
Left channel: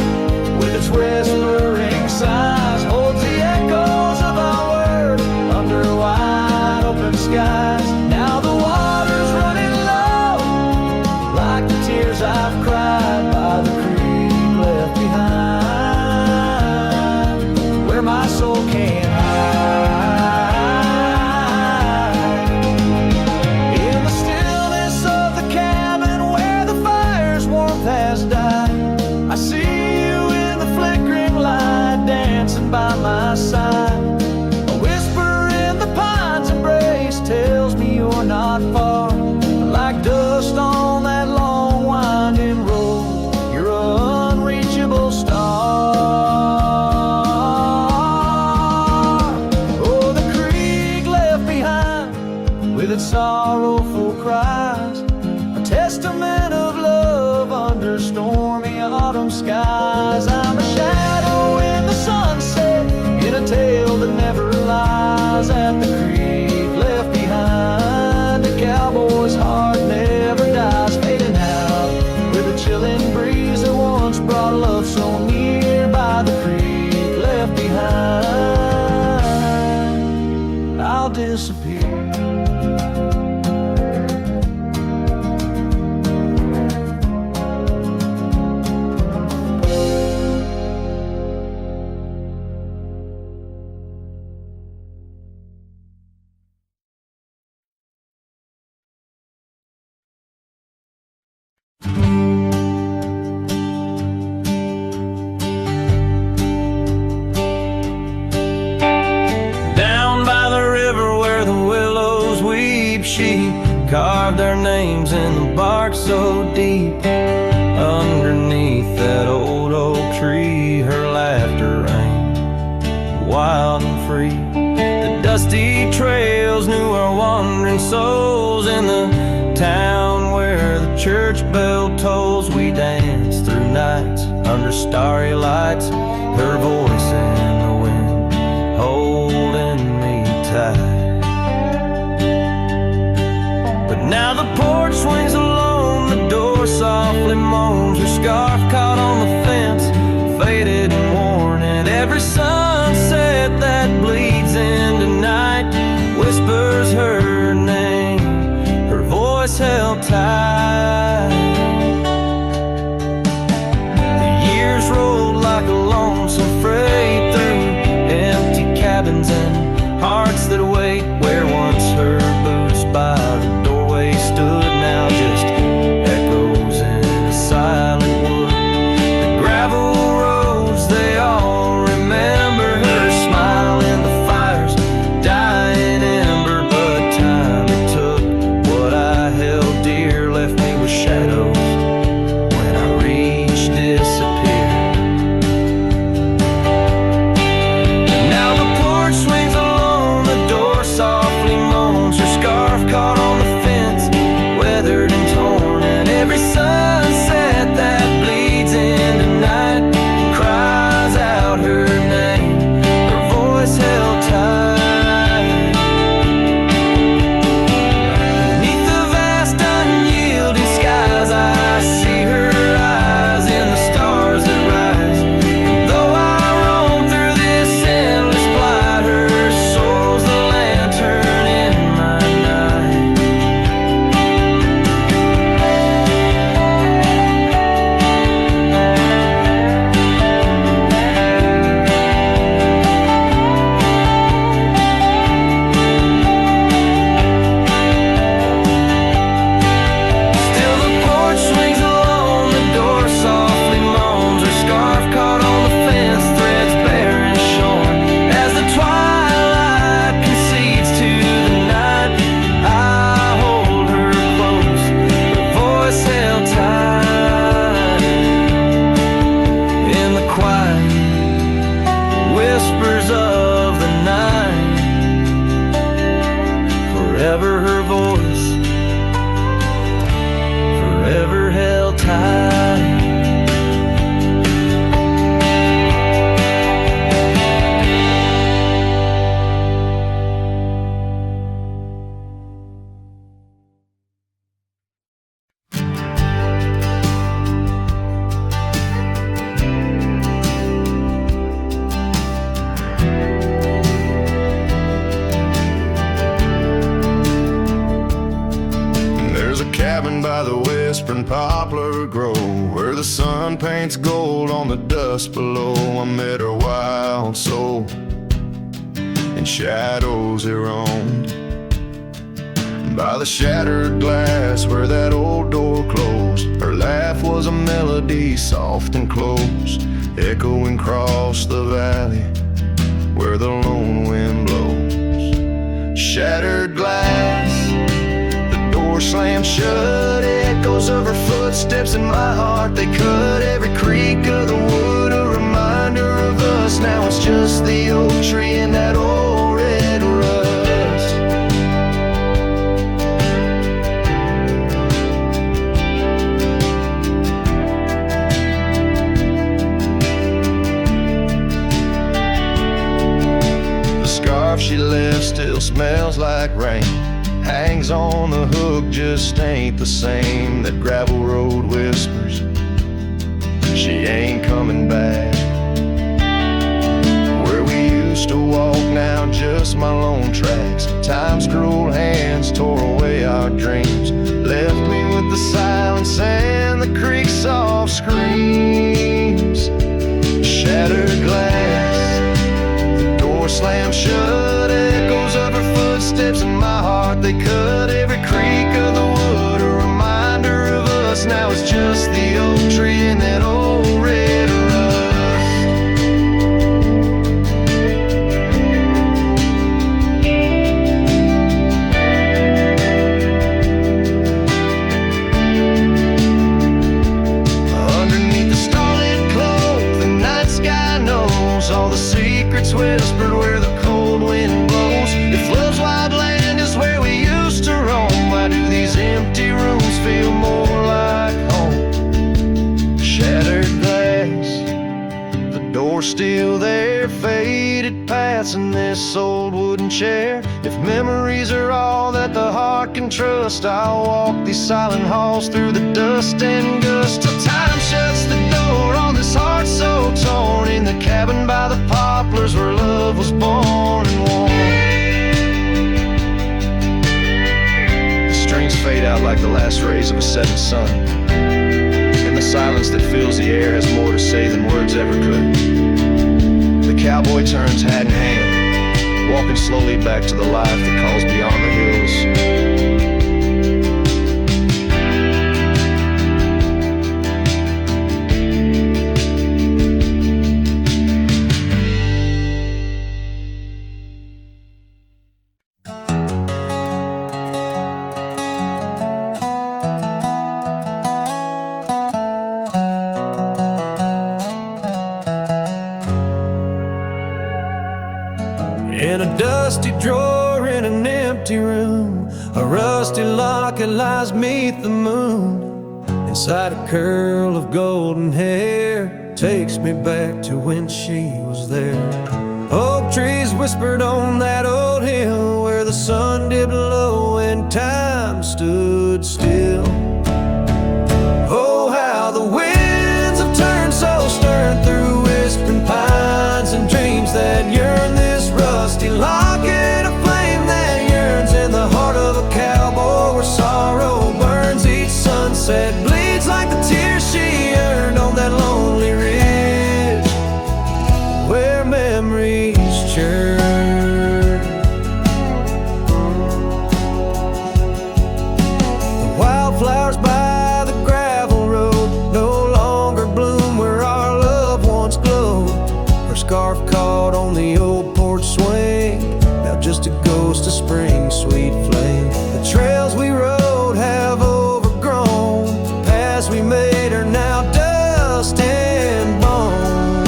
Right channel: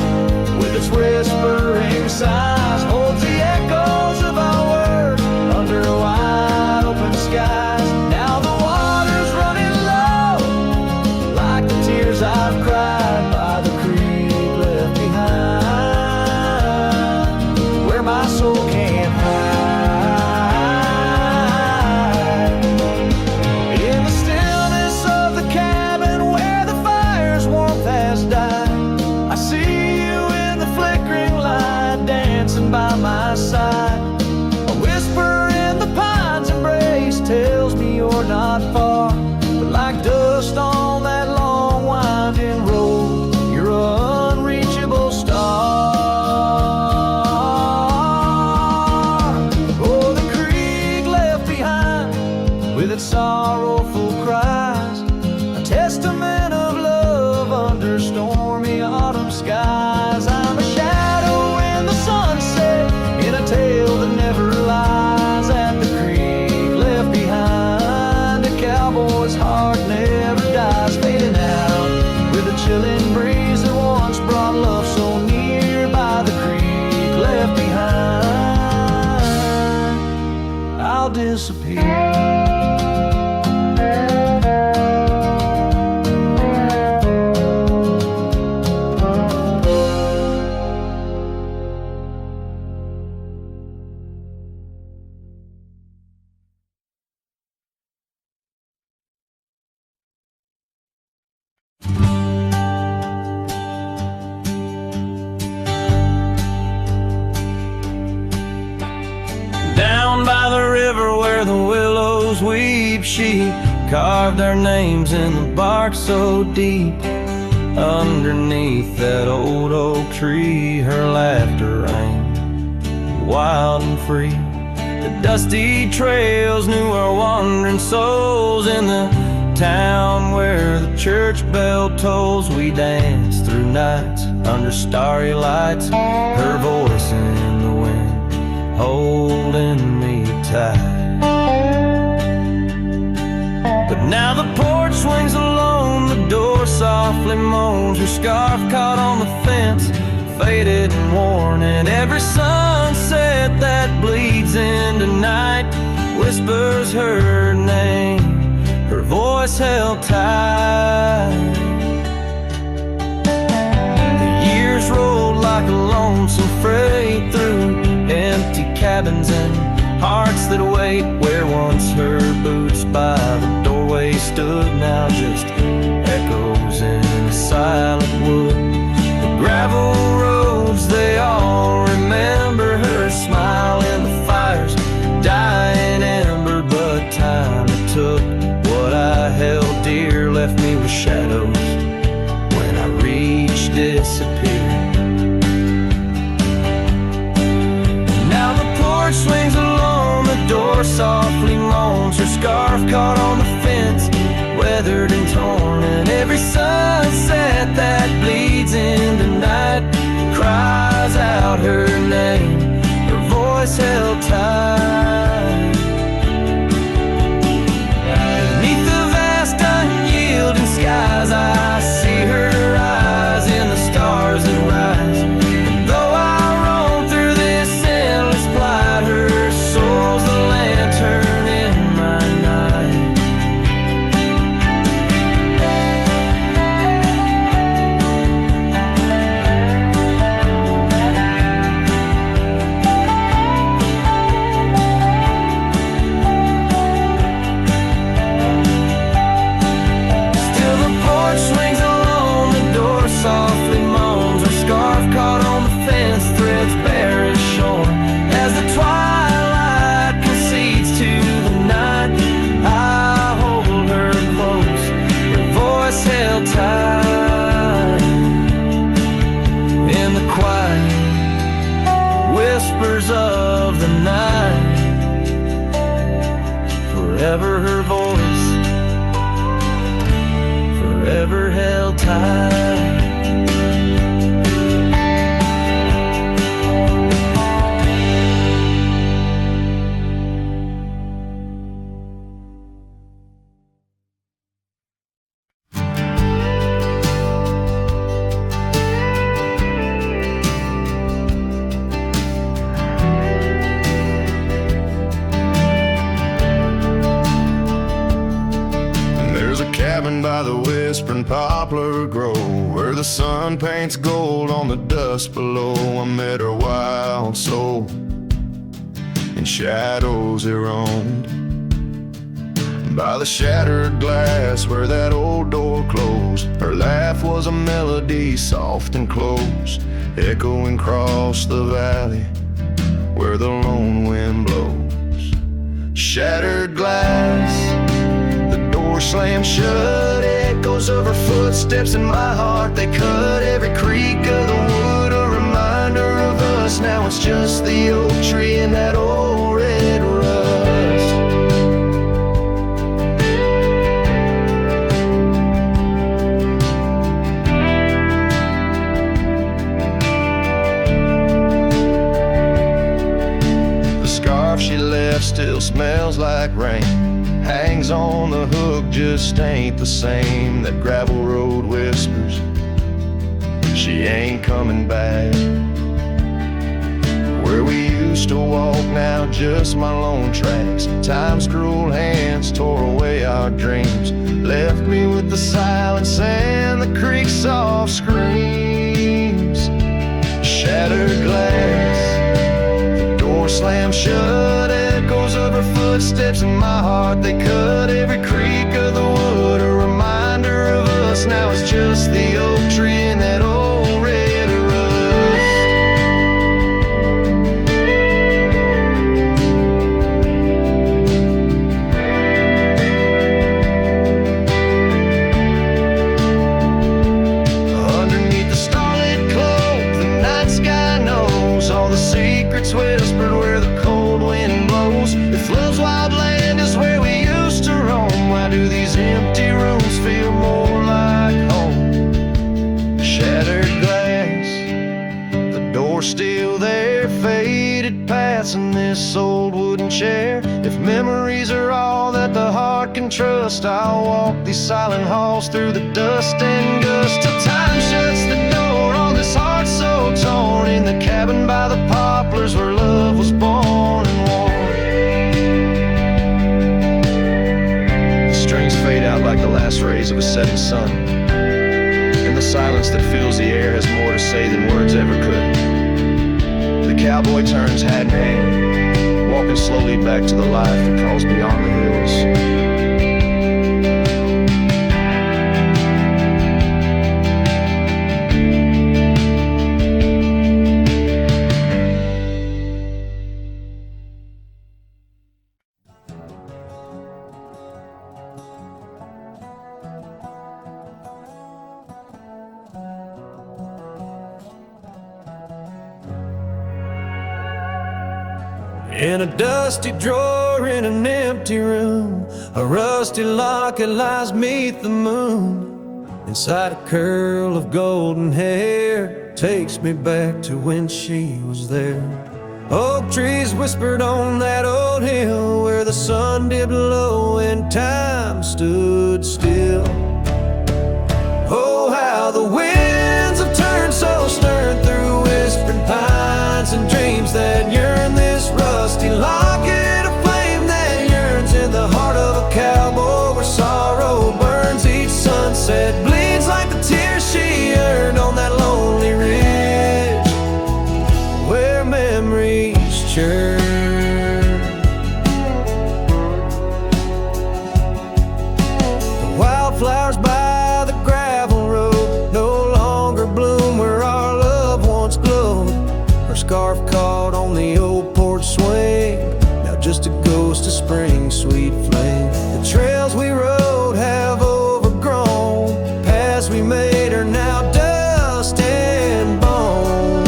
with its whispering sighs, holds the echoes of our words under wide open skies. Now the water's running low, like the tears I've cried by the creek left behind, where my soul can't hide. In the stillness of the cabin where the fire's warmth has died, I see you in the flickering light, dancing by my side. A whisper in the pine's embrace tells me you're not far, but like dust on that long winding road, you're an unreachable star. Oh, the creek left behind, with its sorrowful cries, a testament of love under stormy autumn skies. I'm a shadow in the sunset, in a tale that never lies. At the creek left behind, a cowboy's heart never dies, fading out with a chilling breeze that once brought love so near. By the creek left behind, I'll disappear. Down by the river where the willows weep, she carved our names in the bark so deep. Underneath that old oak tree, her laughter rang wild and free. The dusty trails knew our wandering souls. In the town where the church bell tolls, we danced through nights under starry lights, her voice in the wind holding me tight. But now the porch swings alone, the door softly moans, her scarf caught on the fence faded and worn, and every sunset that bleeds into night whispers her name, her voice held tight. The years rolled like a lonesome freight through empty cabins and hearts that wait, where once her boots by the doorway stood, now just echoes in a silent wood. The gravel roads, they all remember her smile in the fire's dying ember, but time it took. What I held dear left me with shadows when I reached disappear. And now the porch swings along, the door softly moans, her scarf caught on the fence, weathered and torn, and every sunset that bleeds into night cries out her name, her voice held tight. Beneath the vast unyielding skies, I see her eyes in the stars that rise, and though I roam through this endless plight, her soul's the lantern in my night. Swings along, the door softly moans, her scarf caught on the fence, threads bare and shorn. As the twilight concedes to the night, I hold her close, her voice held tight. In the quiet whispers of the night, forever her voice, forever held tight. By the whispering poplar grove, where the sun paints gold on the dust below, I met her wild soul in shadows it roamed. By the shattered glass where that old door closed, her laugh was a melody soft and close, echoing across the valley where the lone wind blows. Shattered glass, door slammed shut, echoes of her footsteps in my heart, they cut every creak of the wood, a reminder of us. Now it's just the oak tree and that old red rust. The scarf she left still smells like rain, hangs on the hook, just ain't the same. That gravel road whispers she ain't coming back. Where we used to walk, now just my lone tracks. Time's cruel hands tore away our dreams, left me with the silence and the creek's soft screams. Shattered glass, door slammed shut, echoes of her footsteps in my heart, they cut every creak of the wood, a reminder of us. Now it's just the oak tree and that old red rust. Underneath the starlit cloak, the night sky knows all the secrets whispered where the cold wind blows. If love's wild land is where we used to roam, why do these empty rooms feel more like home? Shattered glass, the door still there, faded paths in this old wooden chair. If memories are all that the heart can trust, I'll walk these silent halls through the dust and gust till time shuts the door on this heart so torn in the cabin by the poplars where love was born and worn. The strings fade out like the last rays of a setting sun, and the silence that fills the air has more to say than words ever could. The cowboy turns hat in hand, walking slowly back to the life that calls beyond the hills. In a dusty drawer in an empty room, a rusty locket lies 'neath the moon. Inside a curl of golden hair takes me back to when she was there. Oak trees whispered on that old hill where the sun dipped low and time stood still. Oh, how the winds have turned so stern through whispering pines and dreams that yearn. This rusty locket of flame that yearns in the heart of a cowboy where sorrow burns. Each sunset bleeds like the tears she earned on that lonely ridge where memories churn. The wildflowers by the gravel road no longer bloom where our love once glowed. Her scarf caught on the old porch swing, now just a ghost of spring, sweet flame. The trails we rode have overgrown, paths we made are now dust and bone.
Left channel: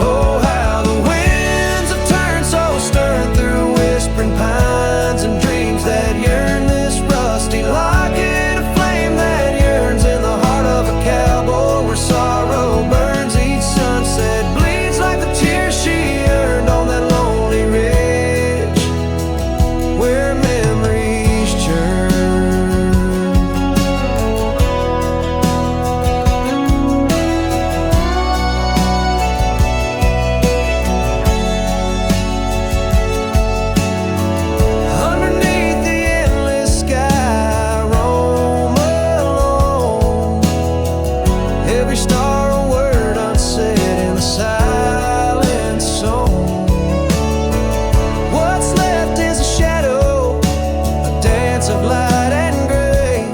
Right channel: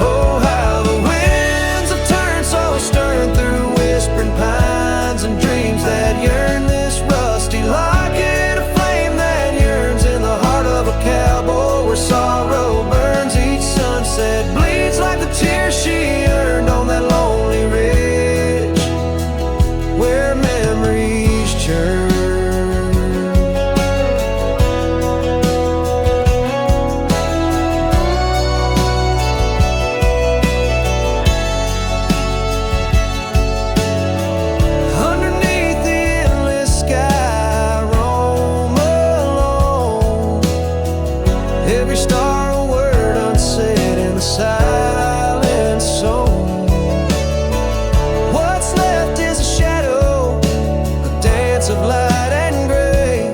Oh, how the winds have turned so stern through whispering pines and dreams that yearn. This rusty locket of flame that yearns in the heart of a cowboy where sorrow burns. Each sunset bleeds like the tears she earned on that lonely ridge where memories churn. Underneath the endless sky, roam alone. Every star a word unsaid in the silent song. What's left is a shadow, a dance of light and gray.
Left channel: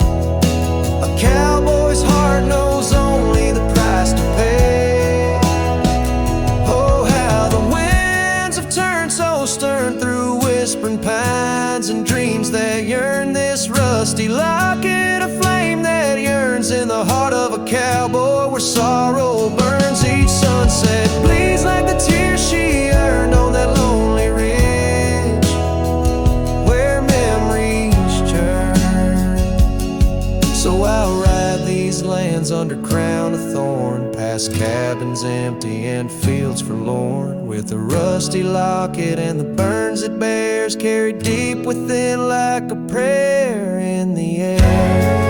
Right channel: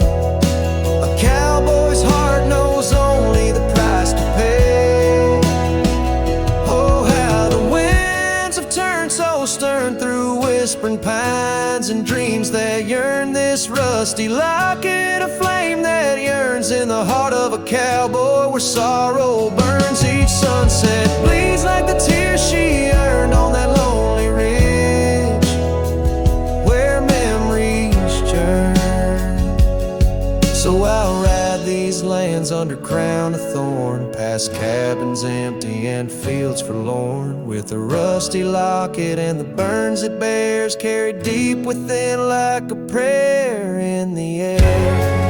A cowboy's heart knows only the price to pay. Oh, how the winds have turned so stern through whispering pines and dreams that yearn. This rusty locket of flame that yearns in the heart of a cowboy where sorrow burns. Each sunset bleeds like the tears she earned on that lonely ridge where memories churn. So I'll ride these lands under crown of thorn, past cabins empty and fields forlorn, with a rusty locket and the burns it bears carried deep within like a prayer in the air.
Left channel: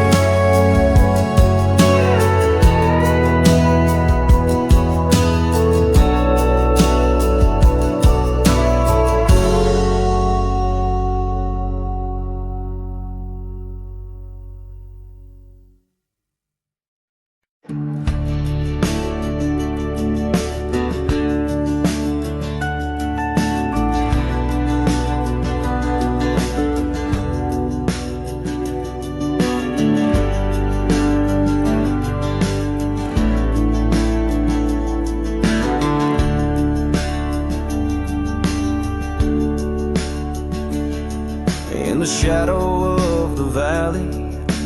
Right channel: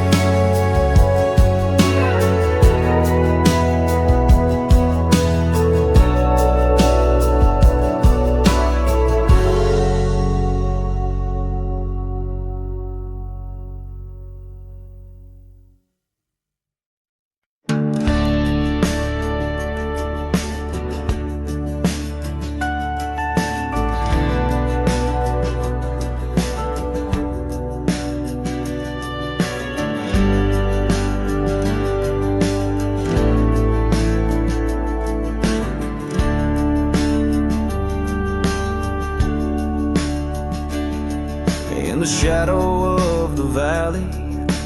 In the shadow of the valley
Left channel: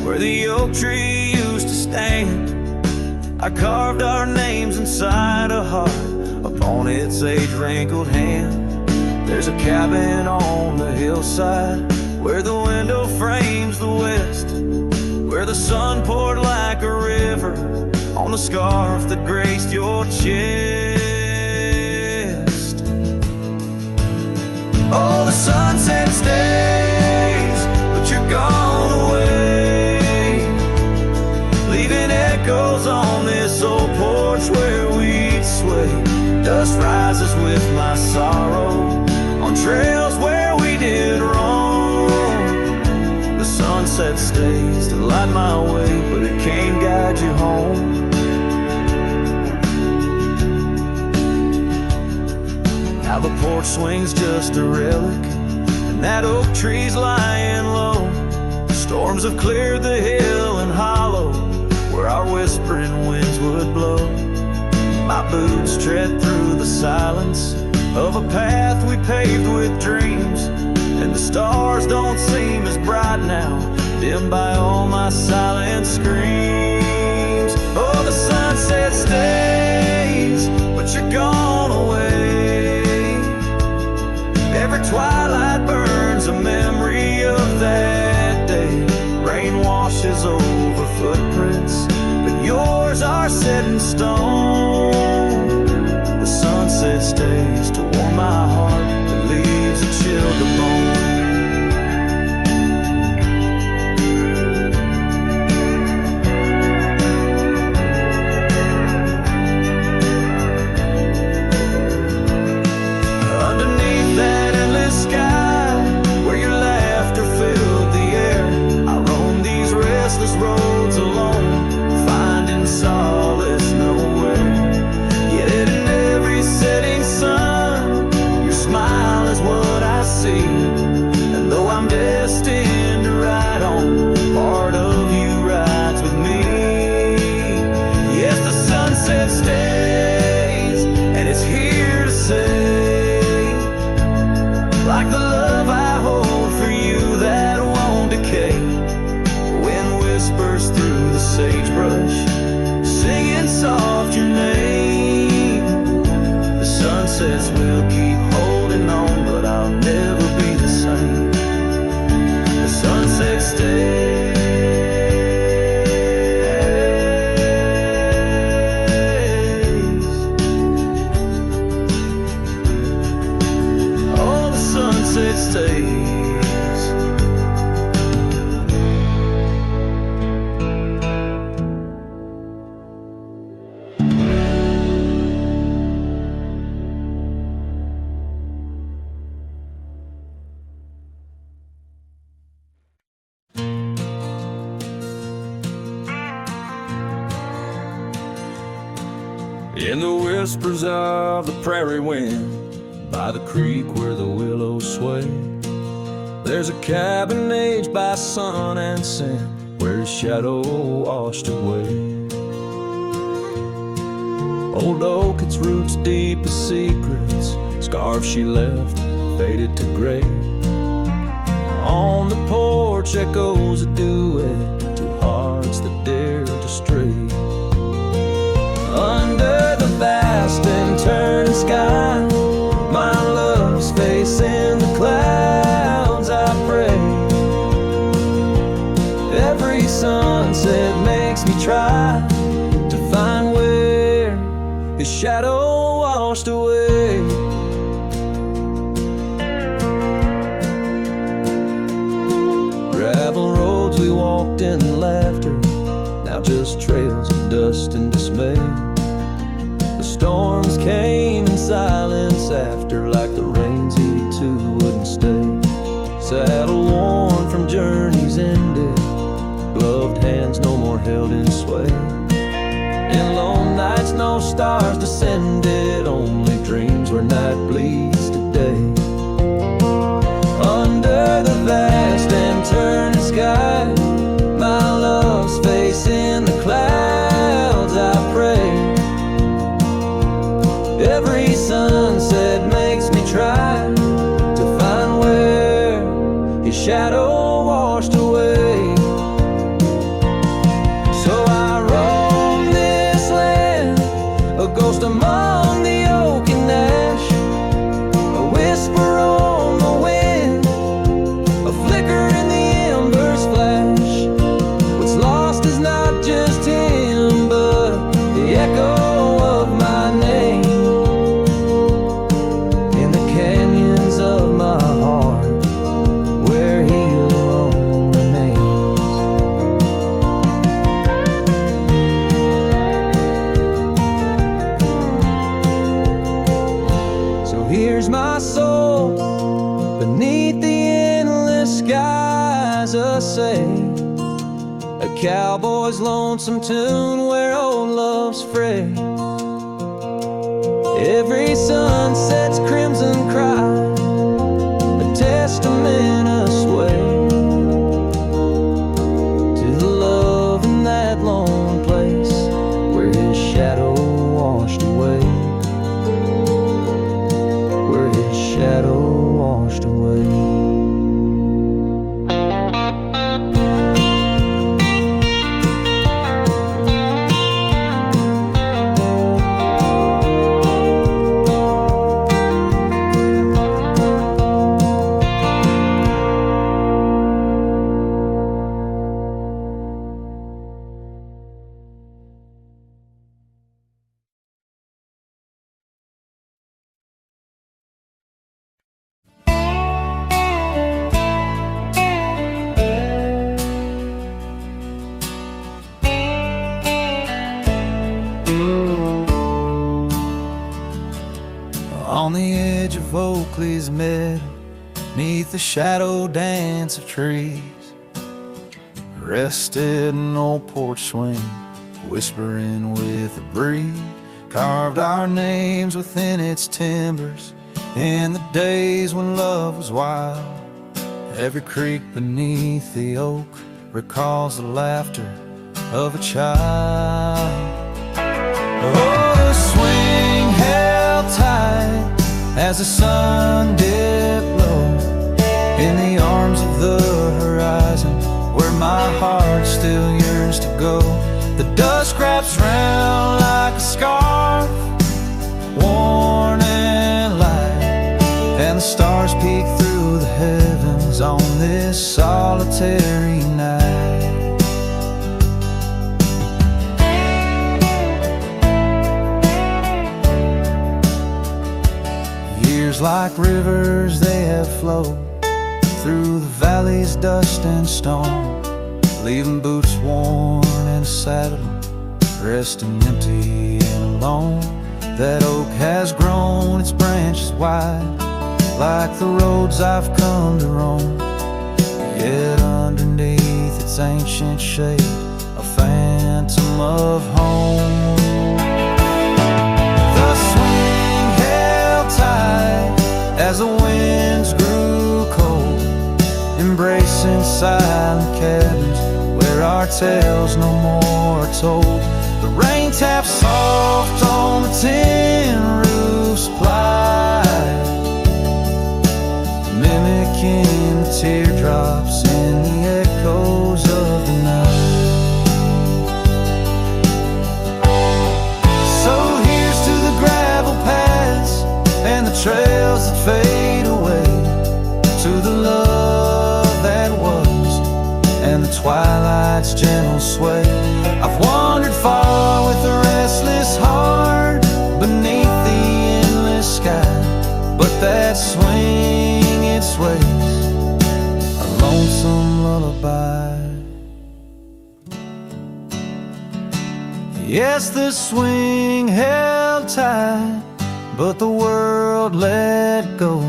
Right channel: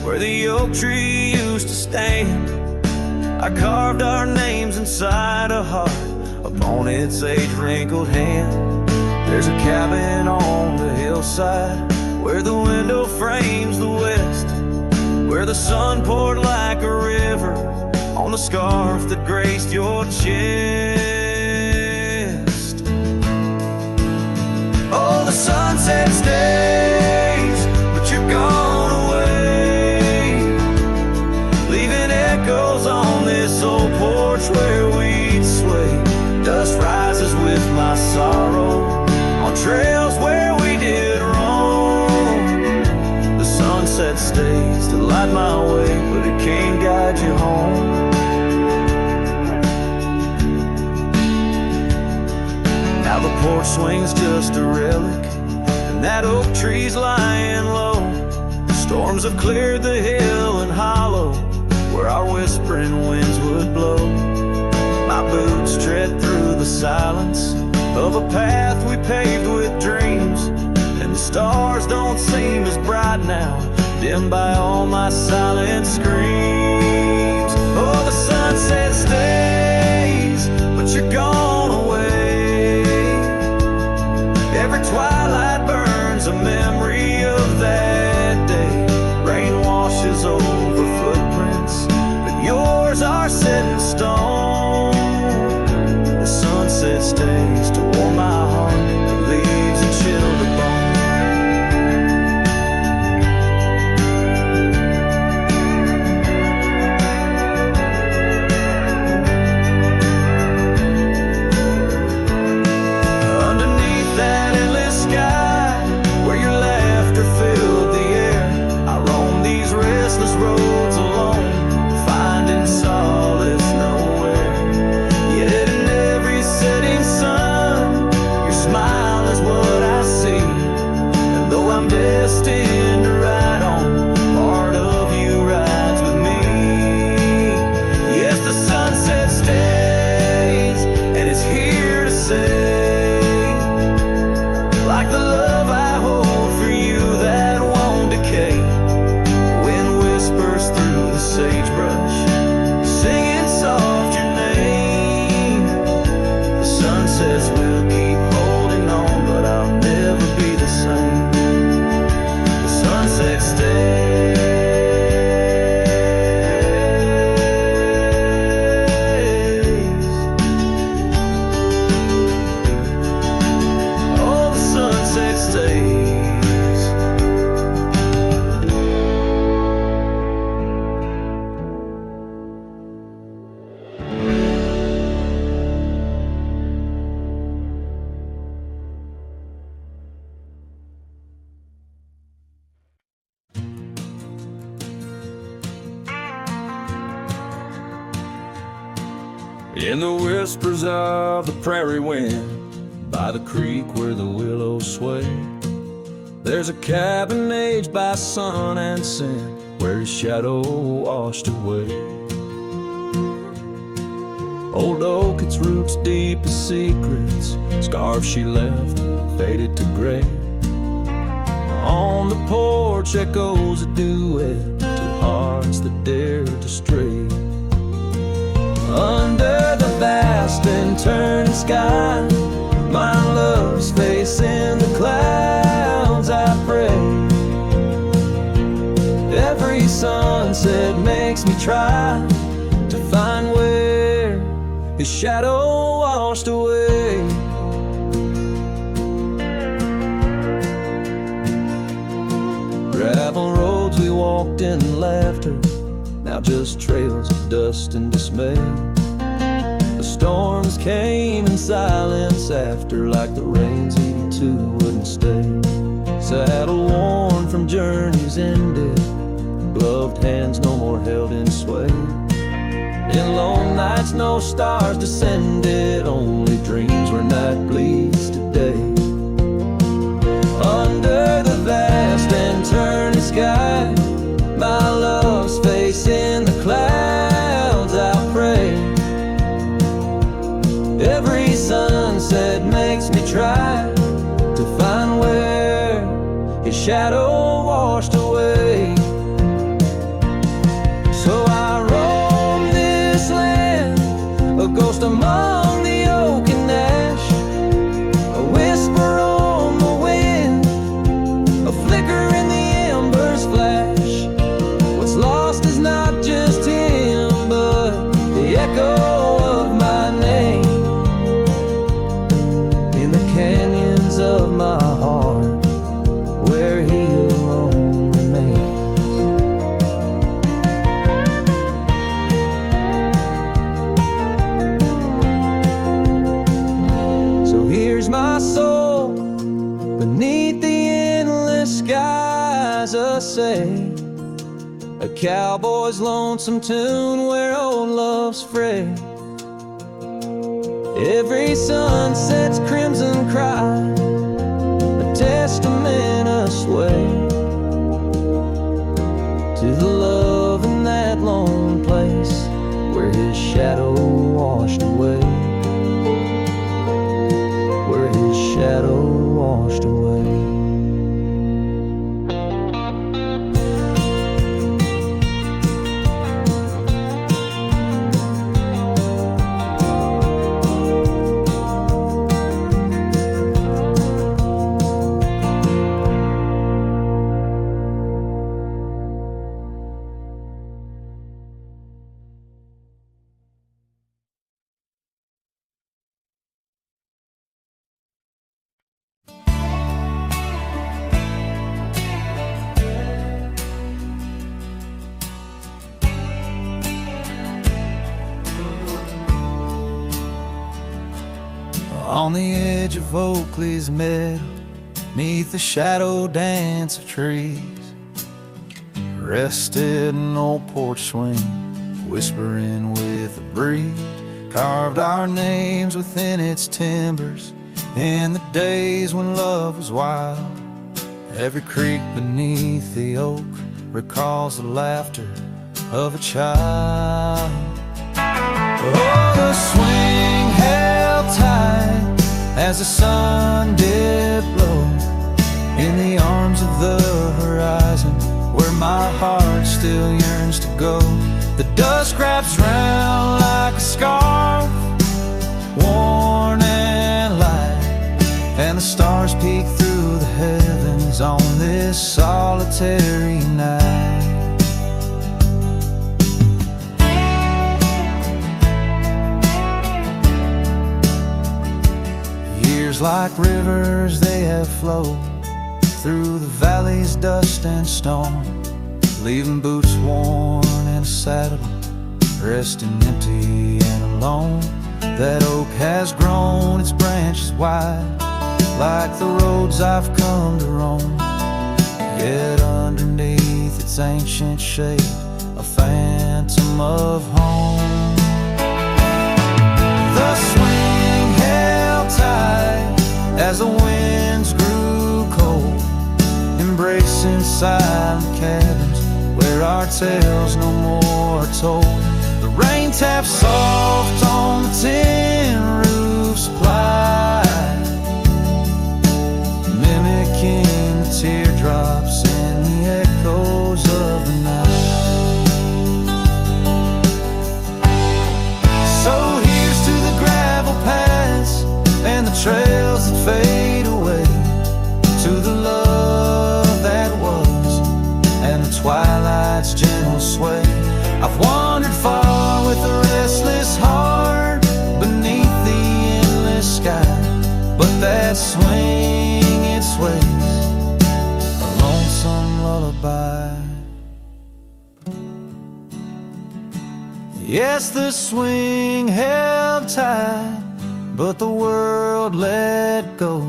where the oak tree used to stand, I carved our names inside a heart upon its age-wrinkled hand. There's a cabin on the hillside where the window frames the west, where the sun poured like a river on the scarf that graced your chest. Oh, the sunset stays, but you're gone away, leaving echoes on this old porch where we'd sway. Dust rises with my sorrow on trails where we did wrong. The sunset stays to light my way, but it can't guide you home. Now the porch swing's just a relic, and that oak tree's lying low. Storms have cleared the hill and hollow where our whispering winds would blow. My boots tread through the silence of a path we paved with dreams, and the stars don't seem as bright now, dimmed by all my silent screams. Oh, the sunset stays, but you're gone away. Every twilight burns a memory of that day. Rain washes over footprints, but yours are set in stone. The sunset stays to warm my heart, but leaves a chill to bone. Underneath that endless sky, where your laughter filled the air, I roam these restless roads alone, finding solace nowhere. Yet in every setting sun, your smile is what I see. And though I'm destined to ride on, part of you rides with me. Yes, the sunset stays, and it's here to say, like the love I hold for you that won't decay. Wind whispers through the sagebrush, singing soft your name. The sunsets will keep holding on, but I'll never be the same. The sunset stays. Oh, the sunset stays. In the whispers of the prairie wind, by the creek where the willows sway, there's a cabin aged by sun and sand, where his shadow washed away. Old oak, its roots deep as secrets, scarf she left faded to gray. On the porch echoes a duet to hearts that dare to stray. Under the vast and turning sky, my love's face in the clouds, I pray. Every sunset makes me try to find where his shadow washed away. Gravel roads we walked in laughter, now just trails of dust and dismay. The storms came in silence after, like the rains he too wouldn't stay. Saddle worn from journeys ended, gloved hands no more held in sway. In lone nights no stars descended, only dreams where night bleeds to day. Under the vast and turning sky, my love's face in the clouds, I pray. Every sunset makes me try to find where his shadow washed away. So I roam this land, a ghost among the oak and ash, a whisper on the wind, a flicker in the embers flash. What's lost is not just him, but the echo of my name in the canyons of my heart, where he alone remains. has a say, a cowboy's lonesome tune where old love's fray. Every sunset's crimson cry, a testament of sway to the love in that lone place where his shadow washed away, where his shadow washed away. On the edge of Oakley's meadow, neath the shadow dance of trees, rested an old porch swing, whispering with the breeze. Carved our names within its timbers in the days when love was wild. Every creek beneath the oak recalls the laughter of a child. Oh, the swing held tight as the sun dipped low in the arms of the horizon, where my heart still yearns to go. The dust wraps round like a scarf, worn and light, and the stars peek through the heavens on this solitary night. Years like rivers they have flowed through the valley's dust and stone, leaving boots worn and a saddle, resting empty and alone. That oak has grown its branches wide, like the roads I've come to roam. Yet underneath its ancient shade, a phantom of home. The swing held tight as the winds grew cold, embracing silent cabins where our tales no more are told. The rain taps soft on the tin roof's ply, mimicking the teardrops in the echoes of the night. So here's to the gravel paths and the trails that fade away, to the love that was and the twilight's gentle sway. I've wandered far with a restless heart beneath the endless sky, but that swing it sways, a lonesome lullaby. Yes, the swing held tight, but the world let go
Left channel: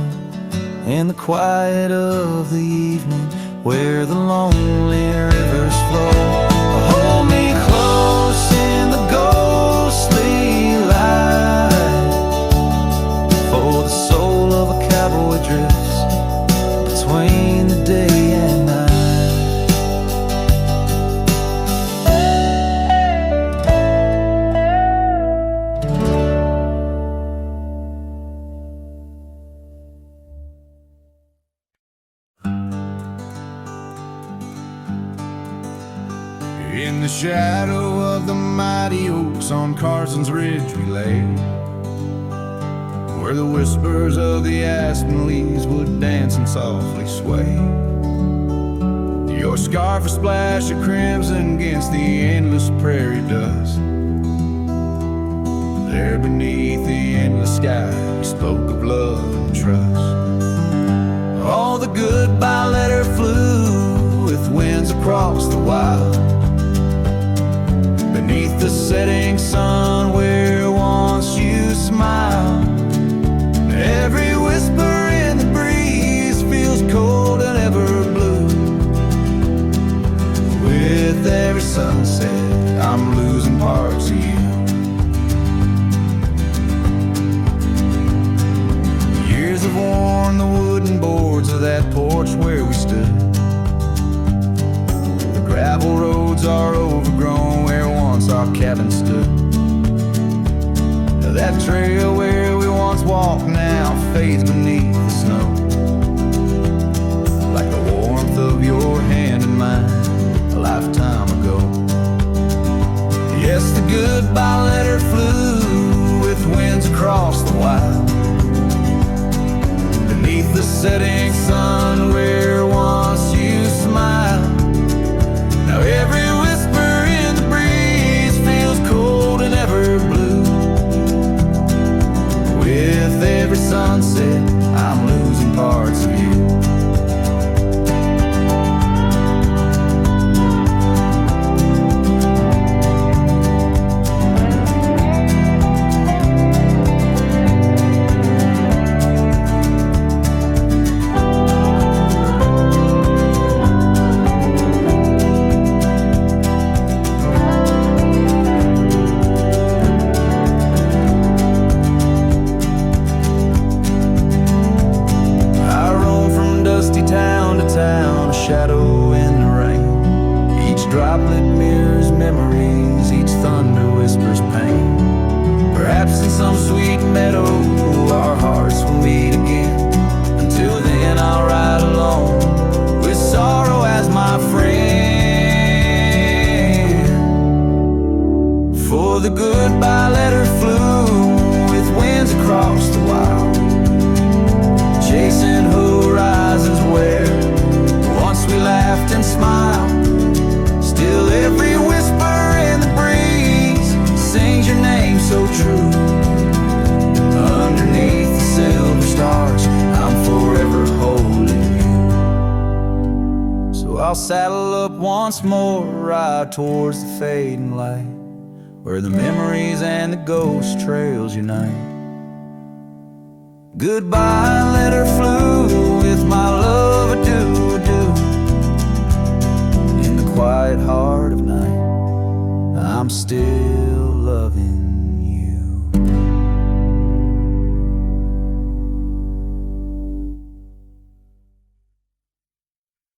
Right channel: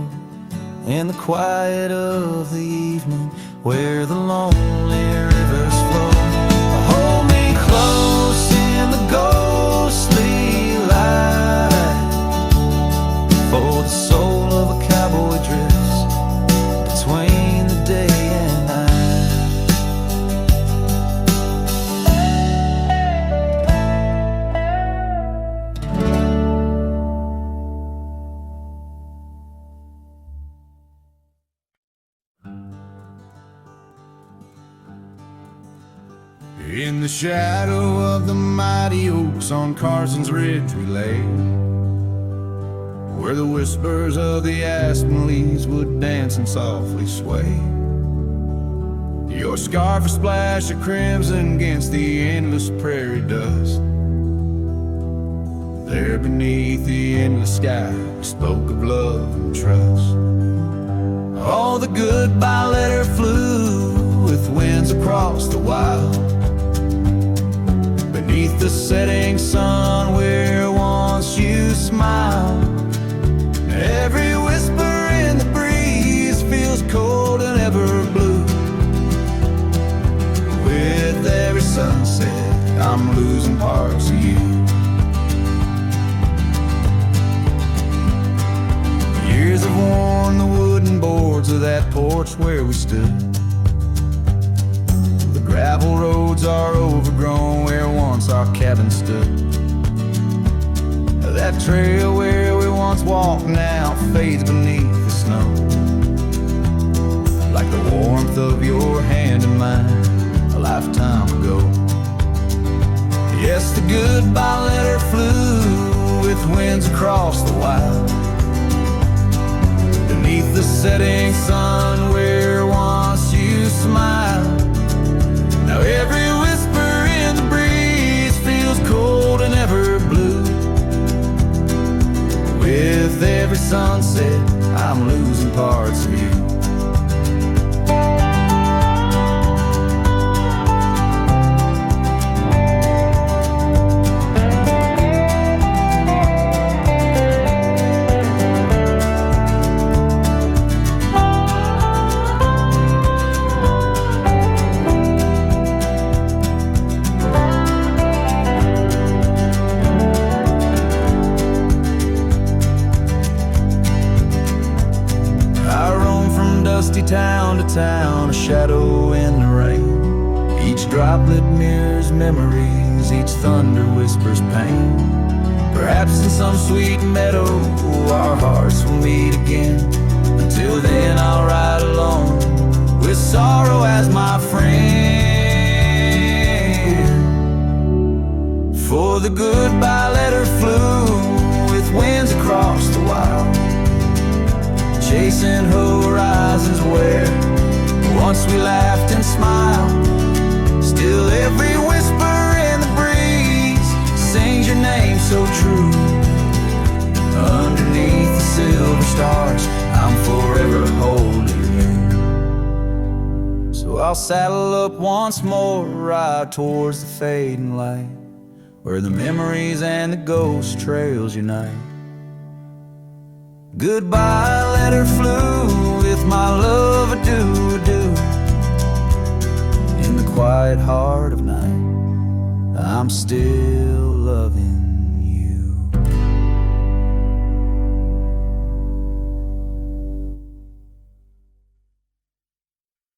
in the quiet of the evening where the lonely rivers flow. Hold me close in the ghostly light, for the soul of a cowboy drifts between the day and night. In the shadow of the mighty oaks on Carson's Ridge we lay, where the whispers of the aspen leaves would dance and softly sway. Your scarf a splash of crimson against the endless prairie dust. There beneath the endless sky we spoke of love and trust. All the goodbye letter flew with winds across the wild, beneath the setting sun where once you smiled. Every whisper in the breeze feels cold and ever blue, sunset, I'm losing parts of you. Years have worn the wooden boards of that porch where we stood. The gravel roads are overgrown where once our cabin stood. That trail where we once walked now fades beneath the snow, like the warmth of your hand in mine a lifetime ago. Yes, the goodbye letter flew with winds across the wild, beneath the setting sun where once you smiled. Now every whisper in the breeze feels cold and ever blue. With every sunset, I'm losing parts of you. Town to town, a shadow in the rain. Each droplet mirrors memories, each thunder whispers pain. Perhaps in some sweet meadow our hearts will meet again. Until then I'll ride alone with sorrow as my friend. For the goodbye letter flew with winds across the wild, chasing horizons where once we laughed and smiled. Still every whisper in the breeze sings your name so true. Underneath the silver stars, I'm forever holding you. So I'll saddle up once more, ride towards the fading light, where the memories and the ghost trails unite. Goodbye letter flew with my love, adieu, adieu. In the quiet heart of night, I'm still loving